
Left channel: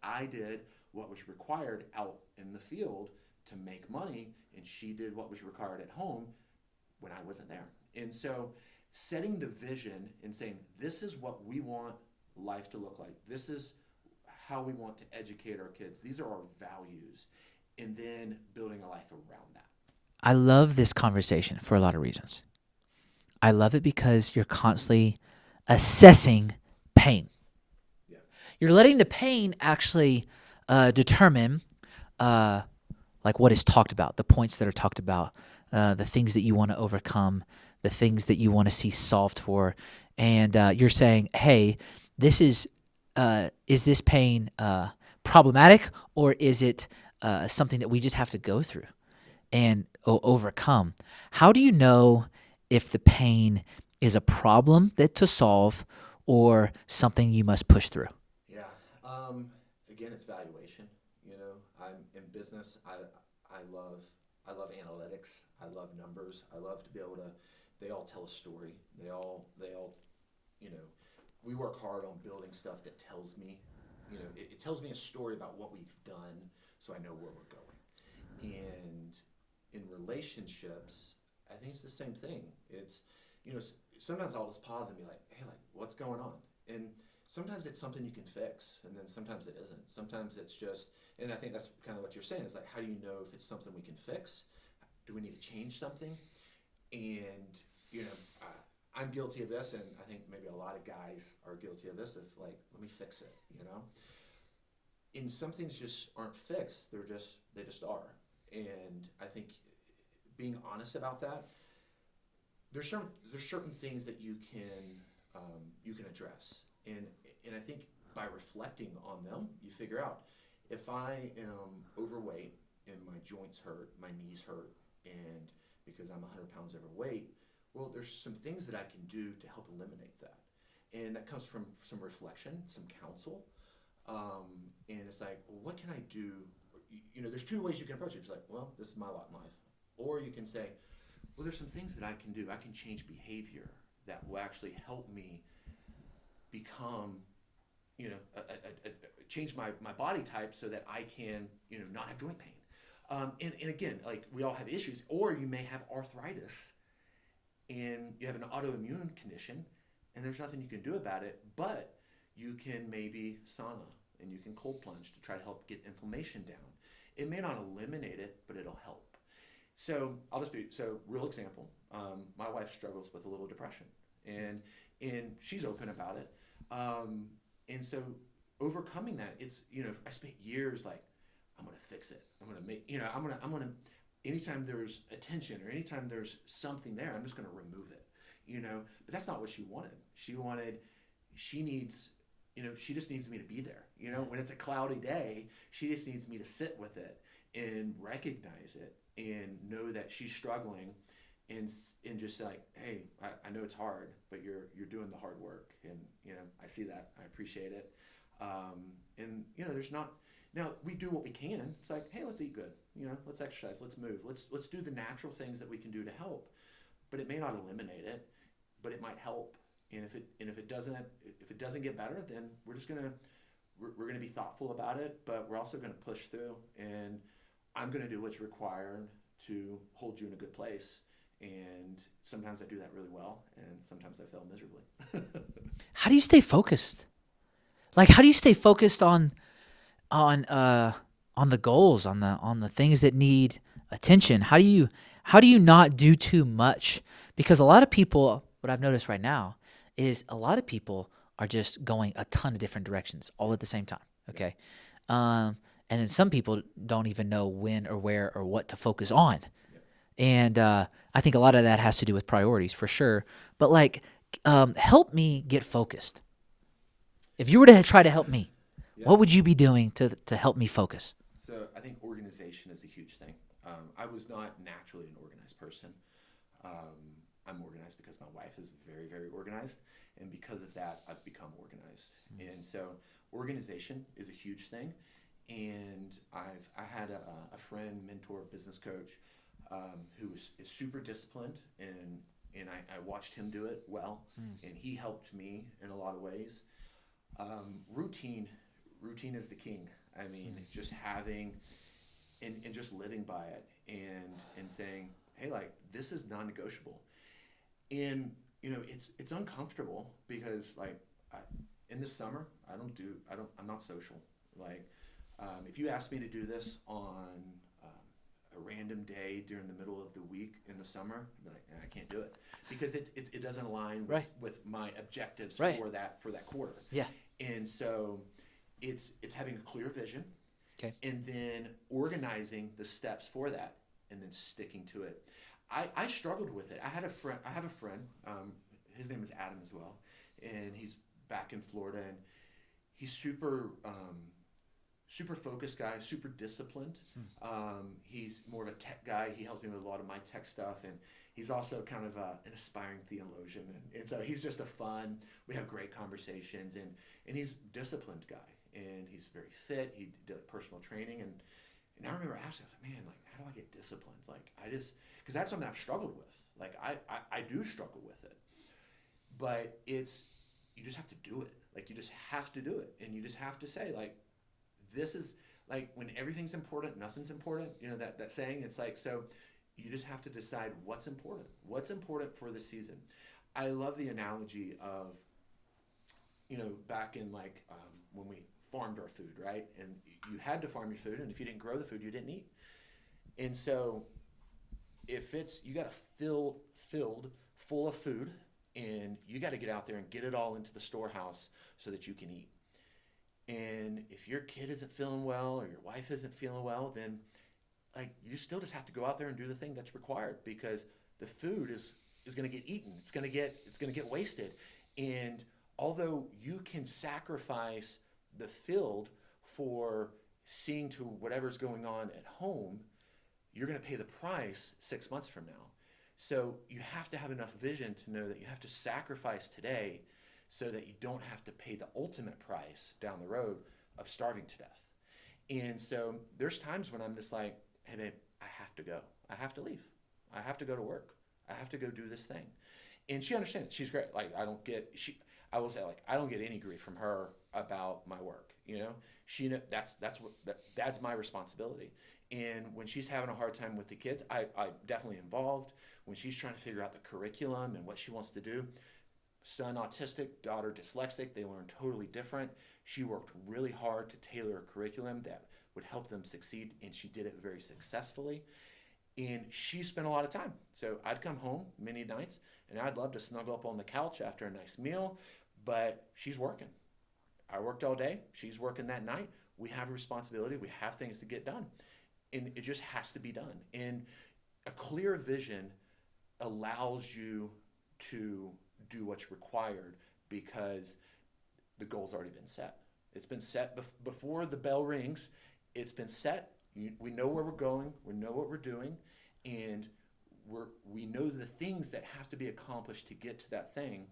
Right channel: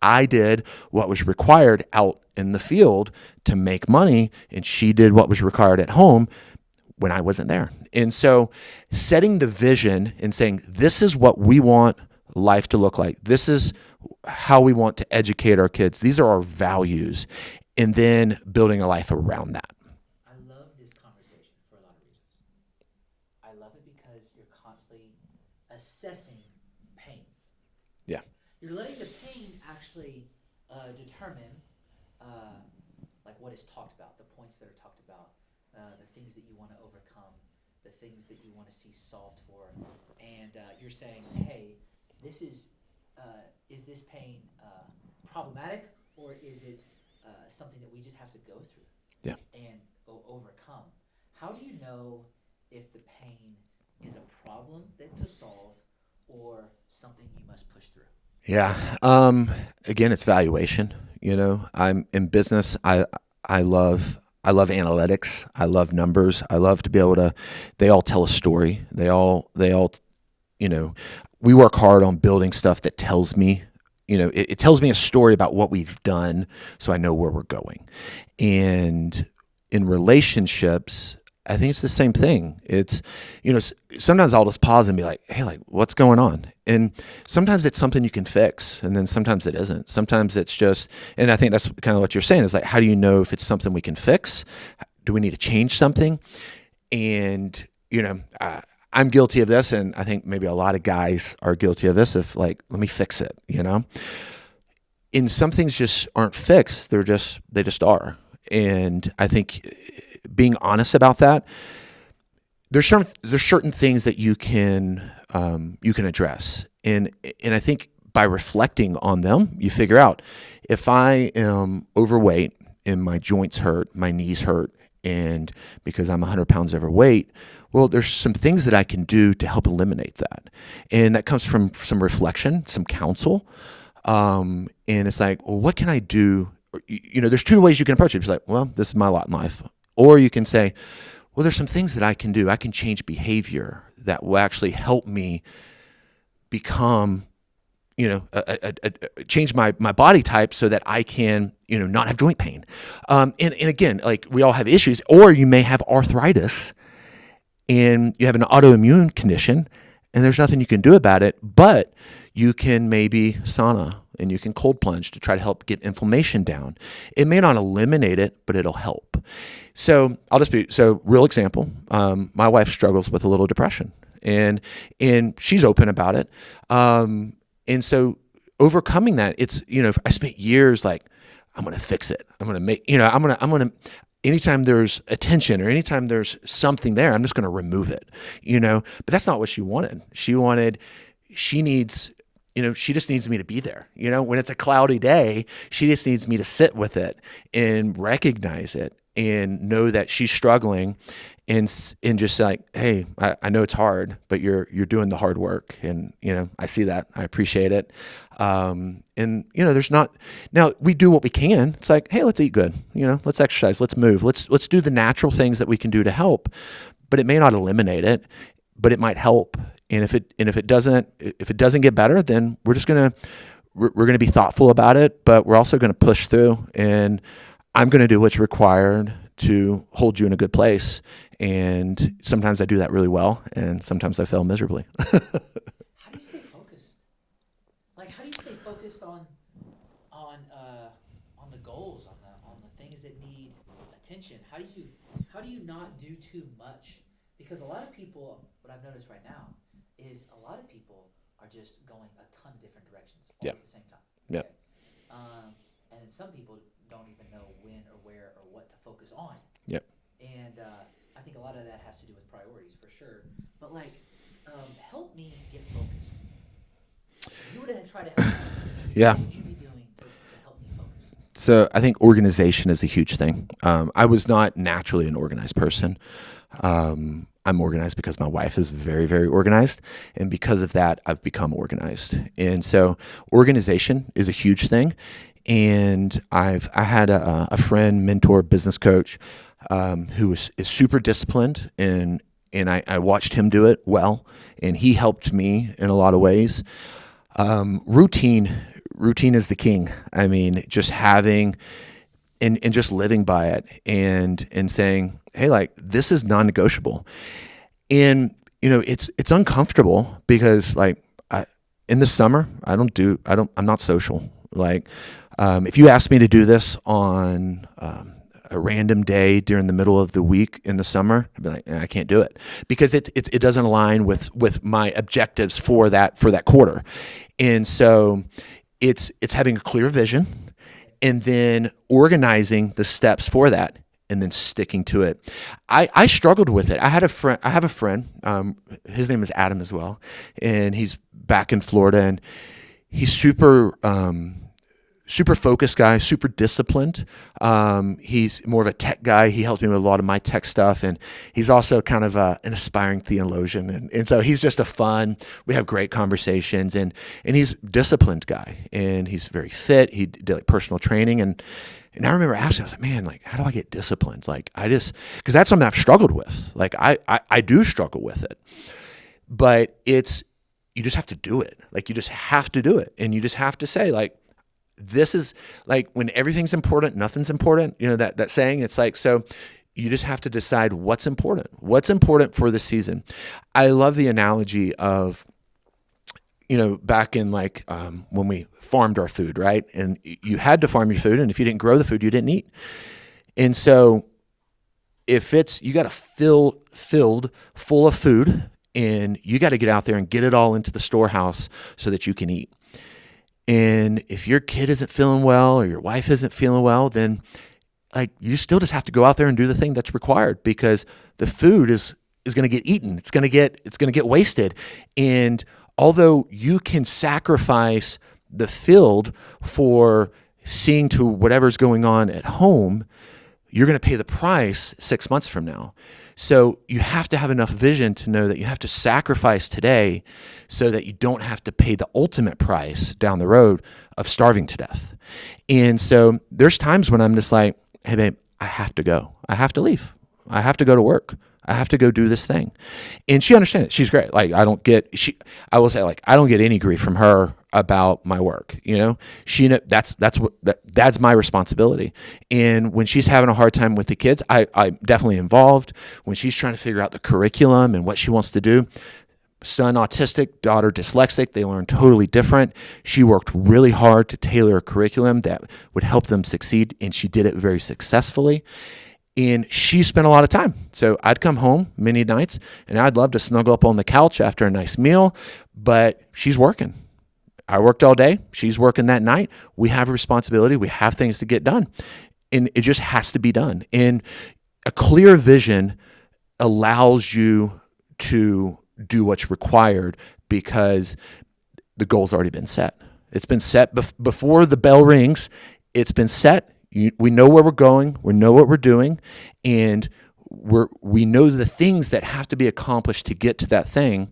I did what was required out in the field to make money, and she did what was required at home when I wasn't there. And so setting the vision and saying, this is what we want life to look like. This is how we want to educate our kids. These are our values. And then building a life around that. I love this conversation for a lot of reasons. I love it because you're constantly assessing pain. Yeah. You're letting the pain actually determine like what is talked about, the points that are talked about, the things that you want to overcome, the things that you want to see solved for. And you're saying, hey, is this pain problematic, or is it something that we just have to go through and overcome? How do you know if the pain is a problem to solve or something you must push through? Yeah. Again, it's valuation. I'm in business. I love analytics. I love numbers. I love to be able to, they all tell a story. They all, we work hard on building stuff that tells me, it tells me a story about what we've done, so I know where we're going. And in relationships, I think it's the same thing. It's, sometimes I'll just pause and be like, hey, like, what's going on? And sometimes it's something you can fix, and then sometimes it isn't. Sometimes it's just, and I think that's kind of what you're saying, is like, how do you know if it's something we can fix? Do we need to change something? And, I'm guilty of this, and I think maybe a lot of guys are guilty of this, of like, let me fix it, And some things just aren't fixed. They just are. And I think being honest about that, there's certain things that you can address, and I think by reflecting on them, you figure out, if I am overweight and my joints hurt, my knees hurt, and because I'm 100 pounds overweight, well, there's some things that I can do to help eliminate that, and that comes from some reflection, some counsel, and it's like, well, what can I do? There's two ways you can approach it. It's like, well, this is my lot in life. Or you can say, well, there's some things that I can do. I can change behavior that will actually help me become, change my body type so that I can, not have joint pain. And again, like, we all have issues. Or you may have arthritis and you have an autoimmune condition and there's nothing you can do about it, but you can maybe sauna and you can cold plunge to try to help get inflammation down. It may not eliminate it, but it'll help. So real example, my wife struggles with a little depression, and she's open about it. And so overcoming that, it's, I spent years like, I'm going to fix it. I'm going to make, I'm going to, anytime there's attention or anytime there's something there, I'm just going to remove it, but that's not what she wanted. She needs, she just needs me to be there. When it's a cloudy day, she just needs me to sit with it and recognize it and know that she's struggling, and just like, hey, I know it's hard, but you're doing the hard work, and I see that, I appreciate it. And there's not, now we do what we can. It's like, hey, let's eat good, let's exercise, let's move, let's do the natural things that we can do to help, but it may not eliminate it, but it might help. And if it doesn't get better, then we're going to be thoughtful about it, but we're also going to push through, and I'm going to do what's required to hold you in a good place. And sometimes I do that really well, and sometimes I fail miserably. How do you stay focused? Like, how do you stay focused on the goals, on the things that need attention? How do you not do too much? Because a lot of people, what I've noticed right now is a lot of people are just going a ton of different directions all at the same time. Okay. And then some people don't even know when or where or what to focus on. Yep. And I think a lot of that has to do with priorities for sure. But help me get focused. If you were to try to help me, what would you be doing to help me focus? So I think organization is a huge thing. I was not naturally an organized person. I'm organized because my wife is very, very organized. And because of that, I've become organized. And so organization is a huge thing. And I had a friend, mentor, business coach, who is super disciplined, and I watched him do it well, and he helped me in a lot of ways. Routine is the king. I mean, just having and just living by it, and saying, hey, this is non-negotiable. And it's uncomfortable because in the summer I'm not social. If you ask me to do this on a random day during the middle of the week in the summer, I'd be like, I can't do it, because it doesn't align with my objectives for that quarter. Yeah. And so it's having a clear vision, and then organizing the steps for that, and then sticking to it. I struggled with it. I have a friend, his name is Adam as well, and he's back in Florida, and he's super focused guy, super disciplined. He's more of a tech guy. He helped me with a lot of my tech stuff, and he's also kind of an aspiring theologian. And so he's just we have great conversations, and he's a disciplined guy, and he's very fit. He did personal training, and I remember asking, I was like, man, how do I get disciplined? Because that's something I've struggled with. I do struggle with it, but you just have to do it. You just have to do it. And you just have to say, this is when everything's important, nothing's important. That saying, it's so you just have to decide what's important for the season. I love the analogy of, back in when we farmed our food, right? And you had to farm your food, and if you didn't grow the food, you didn't eat. And so if you got to filled full of food, and you got to get out there and get it all into the storehouse so that you can eat. And if your kid isn't feeling well, or your wife isn't feeling well, then you still just have to go out there and do the thing that's required, because the food is going to get eaten. It's going to get wasted. And although you can sacrifice the field for seeing to whatever's going on at home, you're going to pay the price 6 months from now. So you have to have enough vision to know that you have to sacrifice today so that you don't have to pay the ultimate price down the road of starving to death. And so there's times when I'm just like, hey, babe, I have to go. I have to leave. I have to go to work. I have to go do this thing. And she understands it. She's great. I will say, I don't get any grief from her about my work. That's my responsibility. And when she's having a hard time with the kids, I'm definitely involved. When she's trying to figure out the curriculum and what she wants to do, son autistic, daughter dyslexic, they learn totally different. She worked really hard to tailor a curriculum that would help them succeed, and she did it very successfully. And she spent a lot of time. So I'd come home many nights, and I'd love to snuggle up on the couch after a nice meal, but she's working. I worked all day. She's working that night. We have a responsibility. We have things to get done, and it just has to be done. And a clear vision allows you to do what's required, because the goal's already been set. It's been set before the bell rings. It's been set. We know where we're going. We know what we're doing, and we know the things that have to be accomplished to get to that thing.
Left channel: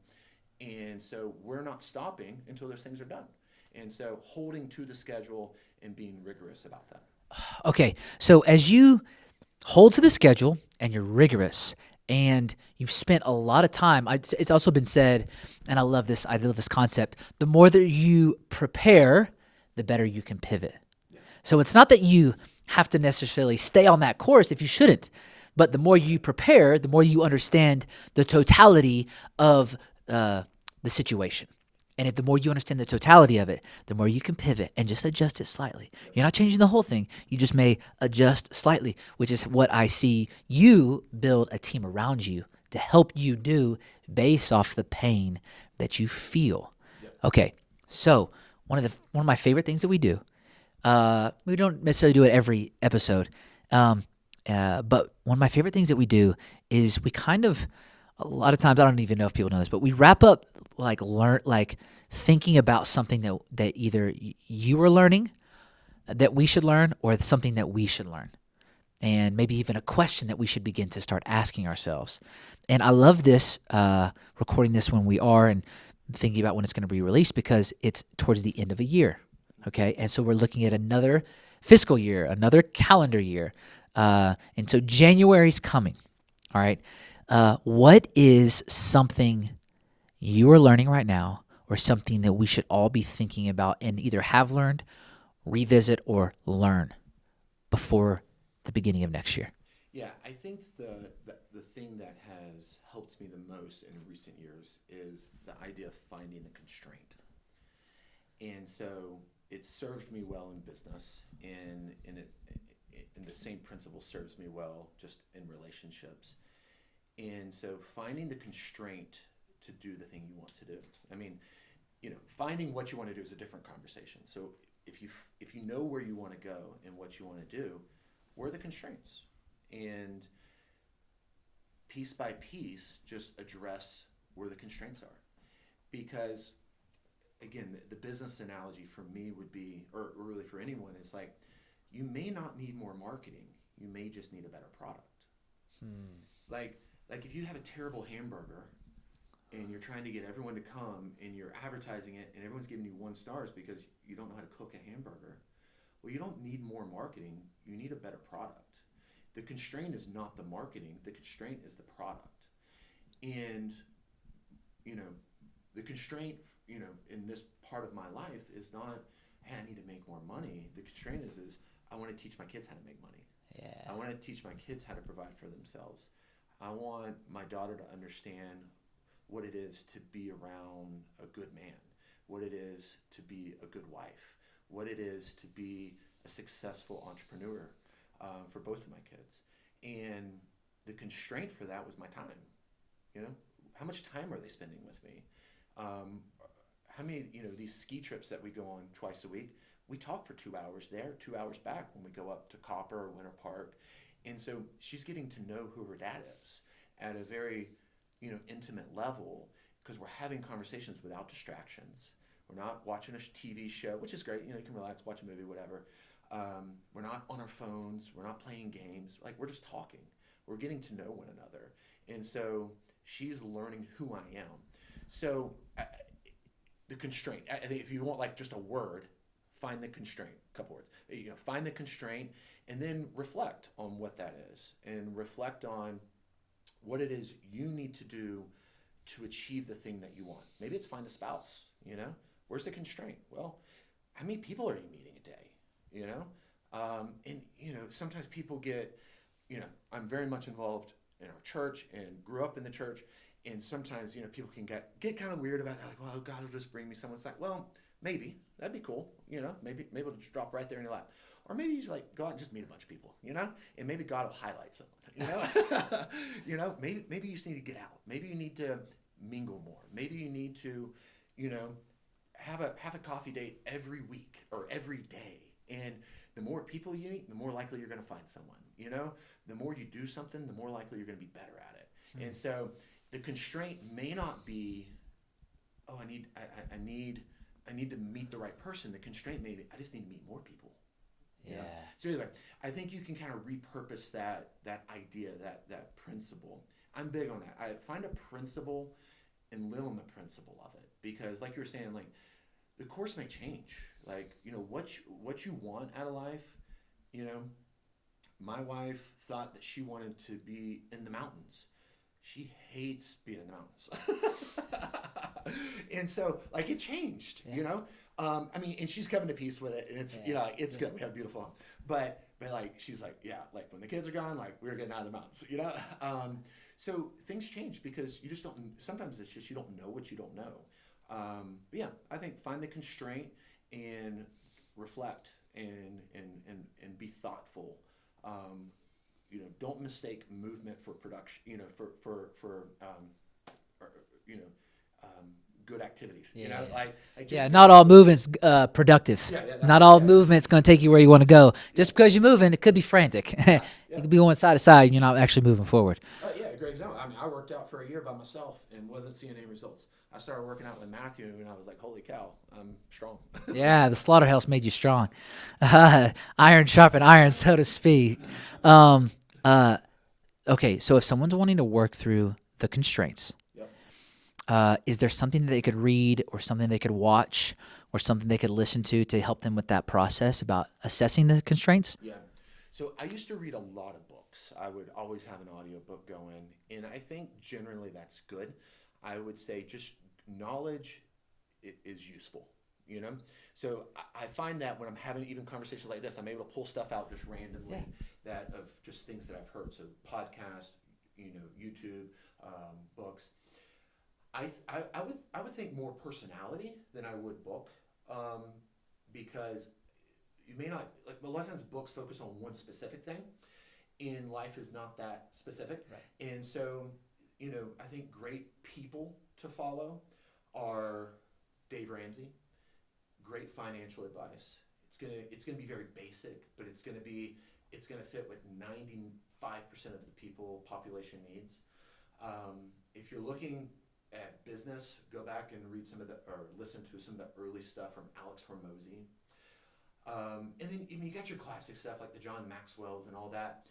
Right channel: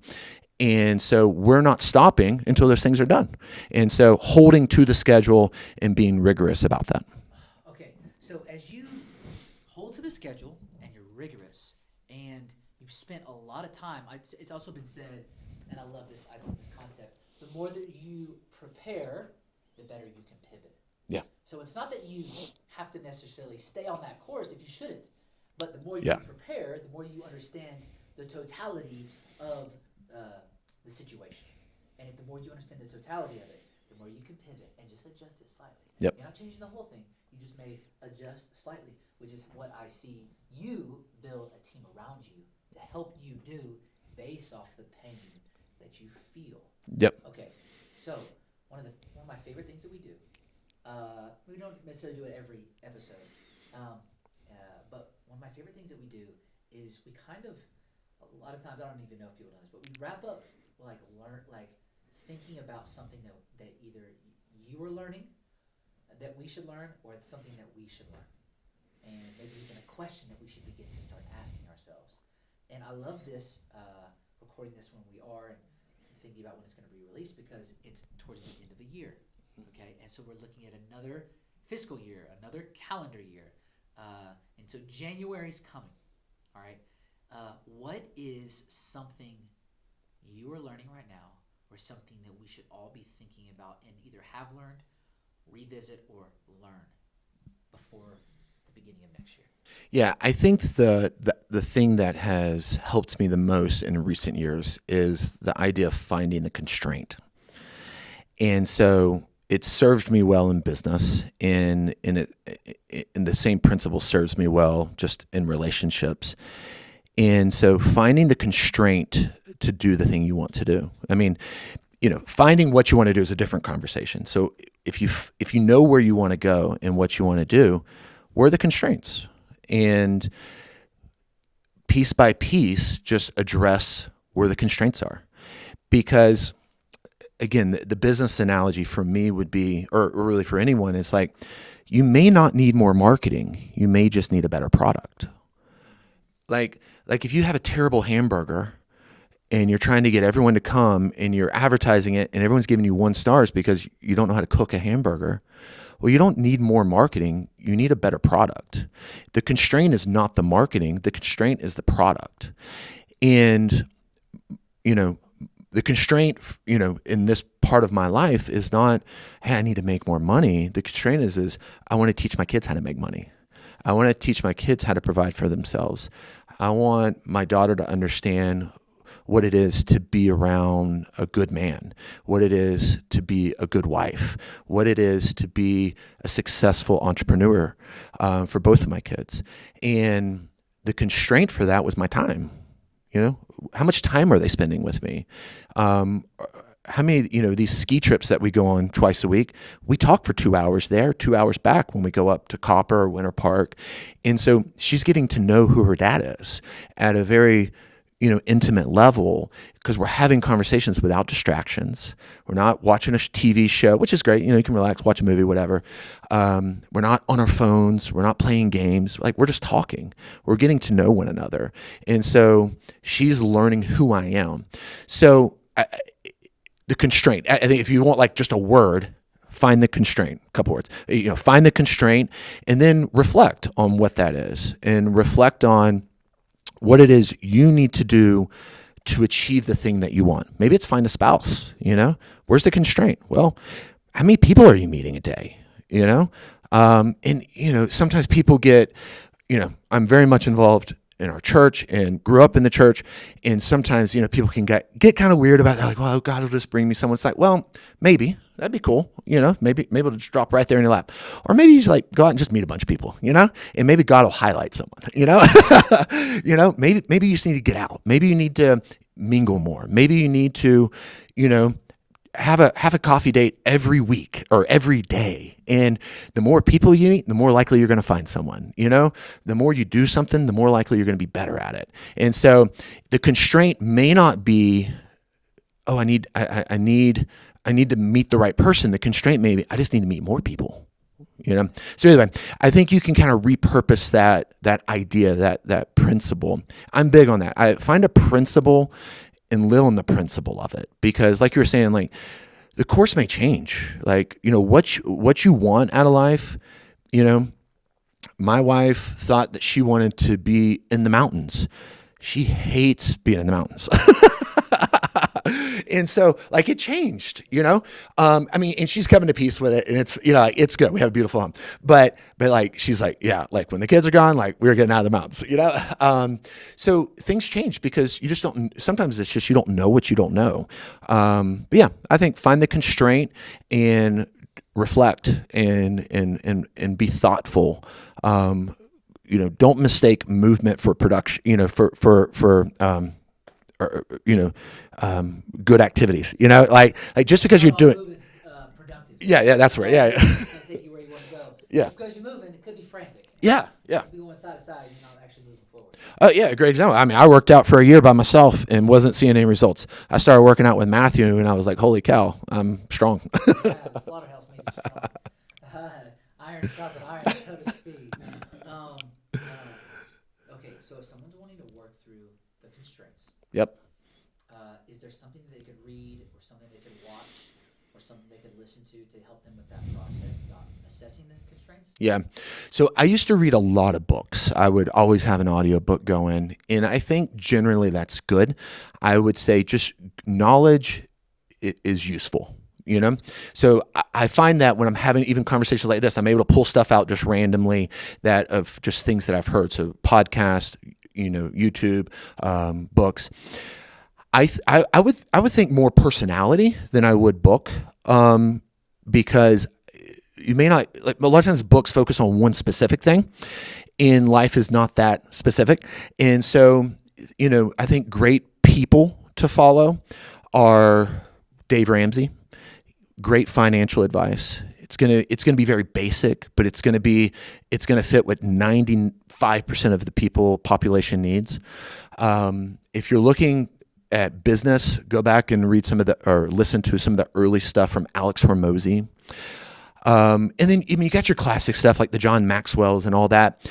And so we're not stopping until those things are done. And so holding to the schedule and being rigorous about that. Okay, so as you hold to the schedule and you're rigorous and you've spent a lot of time, it's also been said, and I love this concept, the more that you prepare, the better you can pivot. Yeah. So it's not that you have to necessarily stay on that course if you shouldn't, but the more you prepare, the more you understand the totality of the situation. And the more you understand the totality of it, the more you can pivot and just adjust it slightly. Yep. You're not changing the whole thing. You just may adjust slightly, which is what I see you build a team around you to help you do based off the pain that you feel. Yep. Okay, so one of my favorite things that we do, we don't necessarily do it every episode, but one of my favorite things that we do is we kind of, a lot of times, I don't even know if people know this, but we wrap up thinking about something that either you are learning that we should learn or something that we should learn, and maybe even a question that we should begin to start asking ourselves. And I love this, recording this when we are and thinking about when it's going to be released, because it's towards the end of a year, okay? And so we're looking at another fiscal year, another calendar year, and so January's coming, all right? What is something you are learning right now, or something that we should all be thinking about and either have learned, revisit, or learn before the beginning of next year? Yeah, I think the thing that has helped me the most in recent years is the idea of finding the constraint. And so it served me well in business, and the same principle serves me well just in relationships. And so finding the constraint to do the thing you want to do. I mean, finding what you want to do is a different conversation. So if you know where you want to go and what you want to do, where are the constraints? And piece by piece, just address where the constraints are. Because again, the business analogy for me would be, or really for anyone, is like, you may not need more marketing. You may just need a better product. Like if you have a terrible hamburger and you're trying to get everyone to come and you're advertising it and everyone's giving you 1 stars because you don't know how to cook a hamburger, well, you don't need more marketing. You need a better product. The constraint is not the marketing. The constraint is the product. And, the constraint, in this part of my life is not, hey, I need to make more money. The constraint is I want to teach my kids how to make money. I want to teach my kids how to provide for themselves. I want my daughter to understand what it is to be around a good man, what it is to be a good wife, what it is to be a successful entrepreneur for both of my kids. And the constraint for that was my time. How much time are they spending with me? How many, these ski trips that we go on twice a week, we talk for 2 hours there, 2 hours back when we go up to Copper or Winter Park. And so she's getting to know who her dad is at a very, intimate level, because we're having conversations without distractions. We're not watching a TV show, which is great. You can relax, watch a movie, whatever. We're not on our phones. We're not playing games. We're just talking. We're getting to know one another. And so she's learning who I am. So the constraint, I think if you want just a word, find the constraint, a couple words, find the constraint and then reflect on what that is, and reflect on what it is you need to do to achieve the thing that you want. Maybe it's find a spouse, where's the constraint? Well, how many people are you meeting a day? Sometimes people get, I'm very much involved in our church and grew up in the church. And sometimes, people can get kind of weird about it. Like, well, God will just bring me someone. It's like, well, maybe that'd be cool. Maybe it'll just drop right there in your lap. Or maybe you just go out and just meet a bunch of people, and maybe God will highlight someone, maybe you just need to get out. Maybe you need to mingle more. Maybe you need to, have a coffee date every week or every day. And the more people you meet, the more likely you're going to find someone. The more you do something, the more likely you're going to be better at it. And so the constraint may not be, oh, I need to meet the right person. The constraint may be, I just need to meet more people. You know. So anyway, I think you can kind of repurpose that idea, that principle. I'm big on that. I find a principle and live on the principle of it, because like you were saying, like the course may change. Like, you know, what you want out of life. You know, my wife thought that she wanted to be in the mountains. She hates being in the mountains. And so like it changed, you know? I mean, and she's coming to peace with it, and it's, you know, like, it's good. We have a beautiful home, but like, she's like, yeah, like when the kids are gone, like we're getting out of the mountains, you know? So things change because you just don't, sometimes it's just, you don't know what you don't know. But yeah, I think find the constraint and reflect and be thoughtful. You know, don't mistake movement for production, you know, or, you know, good activities, you know, like just because not you're all doing, movement's productive. that's not right. all movement's going to take you where you want to go. Yeah. Just because you're moving, it could be frantic. Yeah. It could be going side to side, and you're not actually moving forward. Oh yeah, great example. I mean, I worked out for a year by myself and wasn't seeing any results. I started working out with Matthew, and I was like, holy cow, I'm strong. Yeah, the slaughterhouse made you strong. Iron sharpened iron, so to speak. Okay, so if someone's wanting to work through the constraints, Yep. is there something that they could read or something they could watch or something they could listen to help them with that process about assessing the constraints? Yeah. So I used to read a lot of books. I would always have an audiobook going, and I think generally that's good. I would say just knowledge is useful. You know, so I find that when I'm having even conversations like this, I'm able to pull stuff out just randomly that of just things that I've heard. So podcasts, you know, YouTube, books. I would think more personality than I would book, because you may not, like, a lot of times books focus on one specific thing, and life is not that specific. And so, you know, I think great people to follow are Dave Ramsey. Great financial advice. It's gonna be very basic, but it's gonna fit what 95% of the population needs. If you're looking at business, go back and listen to some of the early stuff from Alex Hormozy. And then, I mean, you got your classic stuff like the John Maxwell's and all that.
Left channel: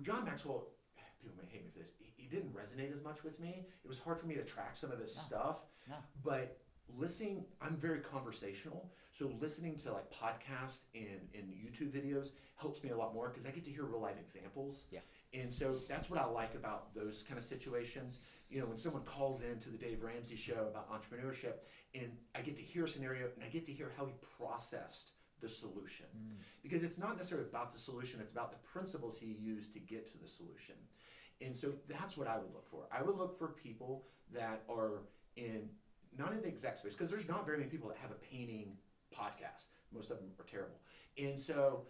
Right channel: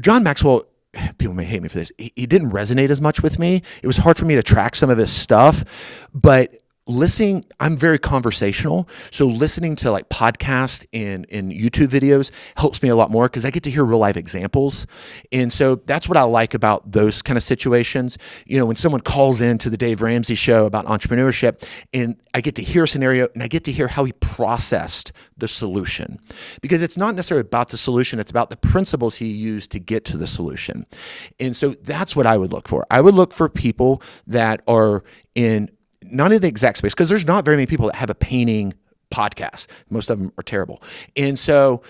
John Maxwell, people may hate me for this. He didn't resonate as much with me. It was hard for me to track some of his stuff, but listening, I'm very conversational. So listening to like podcasts and YouTube videos helps me a lot more because I get to hear real life examples. And so that's what I like about those kind of situations. You know, when someone calls into the Dave Ramsey show about entrepreneurship, and I get to hear a scenario and I get to hear how he processed the solution, because it's not necessarily about the solution. It's about the principles he used to get to the solution. And so that's what I would look for. I would look for people that are in not in the exact space, because there's not very many people that have a painting podcast. Most of them are terrible. And so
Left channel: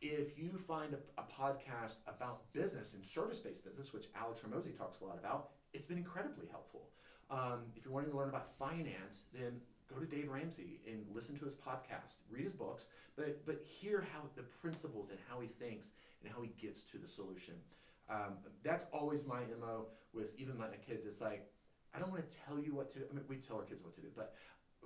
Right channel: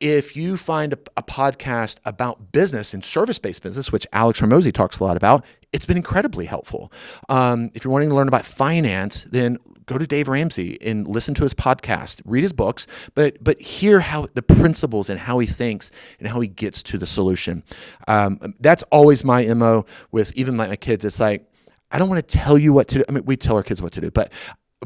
if you find a podcast about business and service-based business, which Alex Hormozy talks a lot about, it's been incredibly helpful. If you're wanting to learn about finance, then go to Dave Ramsey and listen to his podcast, read his books, but hear how the principles and how he thinks and how he gets to the solution. That's always my MO with even my kids. It's like, I don't want to tell you what to do. I mean, we tell our kids what to do, but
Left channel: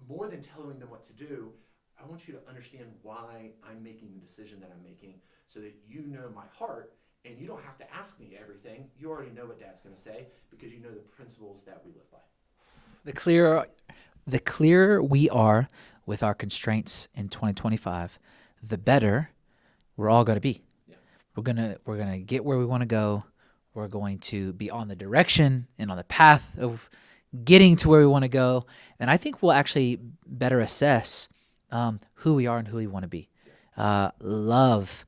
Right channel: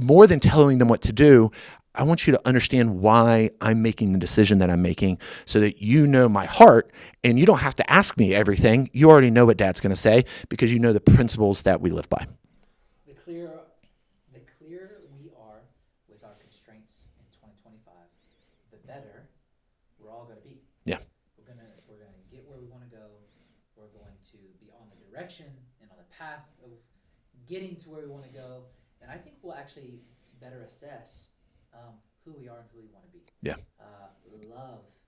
more than telling them what to do, I want you to understand why I'm making the decision that I'm making, so that you know my heart and you don't have to ask me everything. You already know what Dad's going to say because you know the principles that we live by. The clearer we are with our constraints in 2025, the better we're all going to be. Yeah. We're going to get where we want to go. We're going to be on the direction and on the path of getting to where we want to go. And I think we'll actually better assess who we are and who we want to be. Yeah. Love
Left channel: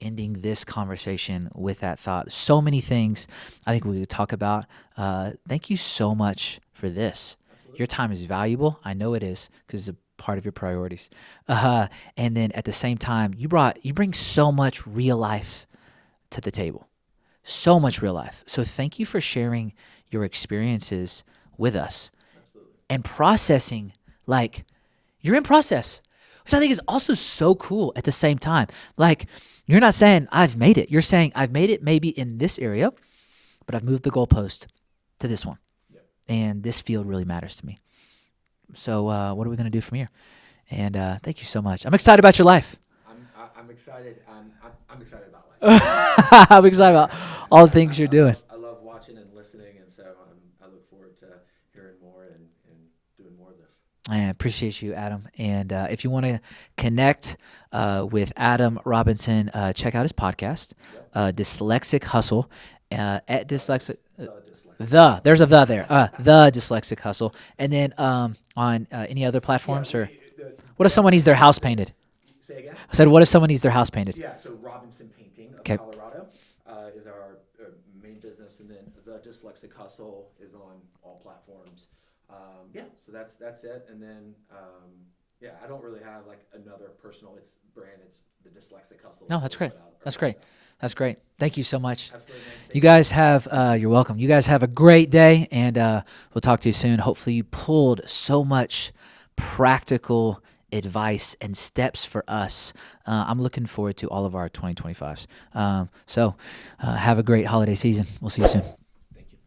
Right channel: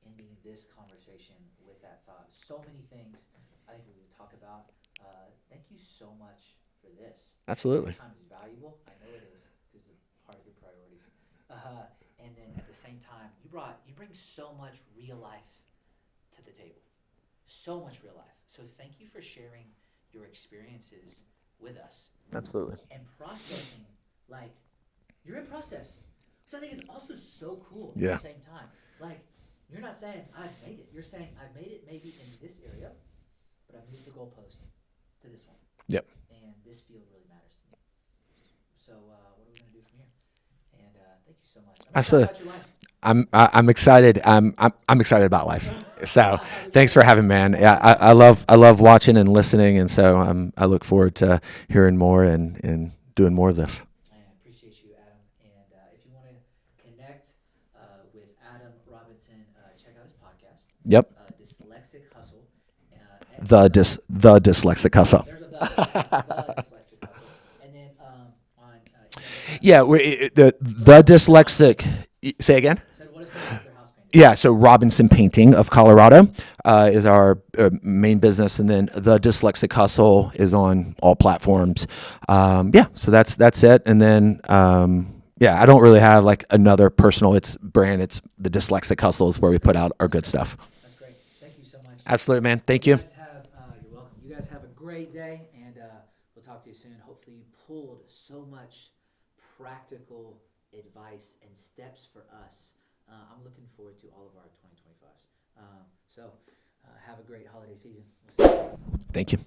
ending this conversation with that thought. So many things I think we could talk about. Thank you so much for this. Absolutely. Your time is valuable. I know it is, because it's a part of your priorities. And then at the same time, you bring so much real life to the table. So much real life. So thank you for sharing your experiences with us. Absolutely. And processing, like, you're in process, which I think is also so cool at the same time. Like, you're not saying I've made it. You're saying I've made it maybe in this area, but I've moved the goalpost to this one. Yep. And this field really matters to me. So what are we going to do from here? And thank you so much. I'm excited about your life. I'm excited. I'm excited about life. So I'm excited thanks for about having me, man. all Yeah, things you're I doing. love watching and listening, and so I look forward to hearing more and doing more of this. I appreciate you, Adam. And if you want to connect with Adam Robinson, check out his podcast. Yep. Dyslexic Hustle. At The Dyslexic Hustle. There's a the there. The Dyslexic Hustle. And then on any other platforms? Yeah, the the Dyslexic. Say again? I said, what if someone needs their house painted? Yeah, so Robinson Painting of Colorado is our main business, and then the Dyslexic Hustle is on all platforms. So that's it. And then I don't really have like another personal brand. It's the Dyslexic Hustle is where we put out our good stuff. That's great. Thank you so much. Absolutely, man. Thank you. You guys have, you're welcome. You guys have a great day, and we'll talk to you soon. Hopefully you pulled so much practical advice and steps for us. I'm looking forward to all of our 2025s. So have a great holiday season. We'll see you soon. Thank you.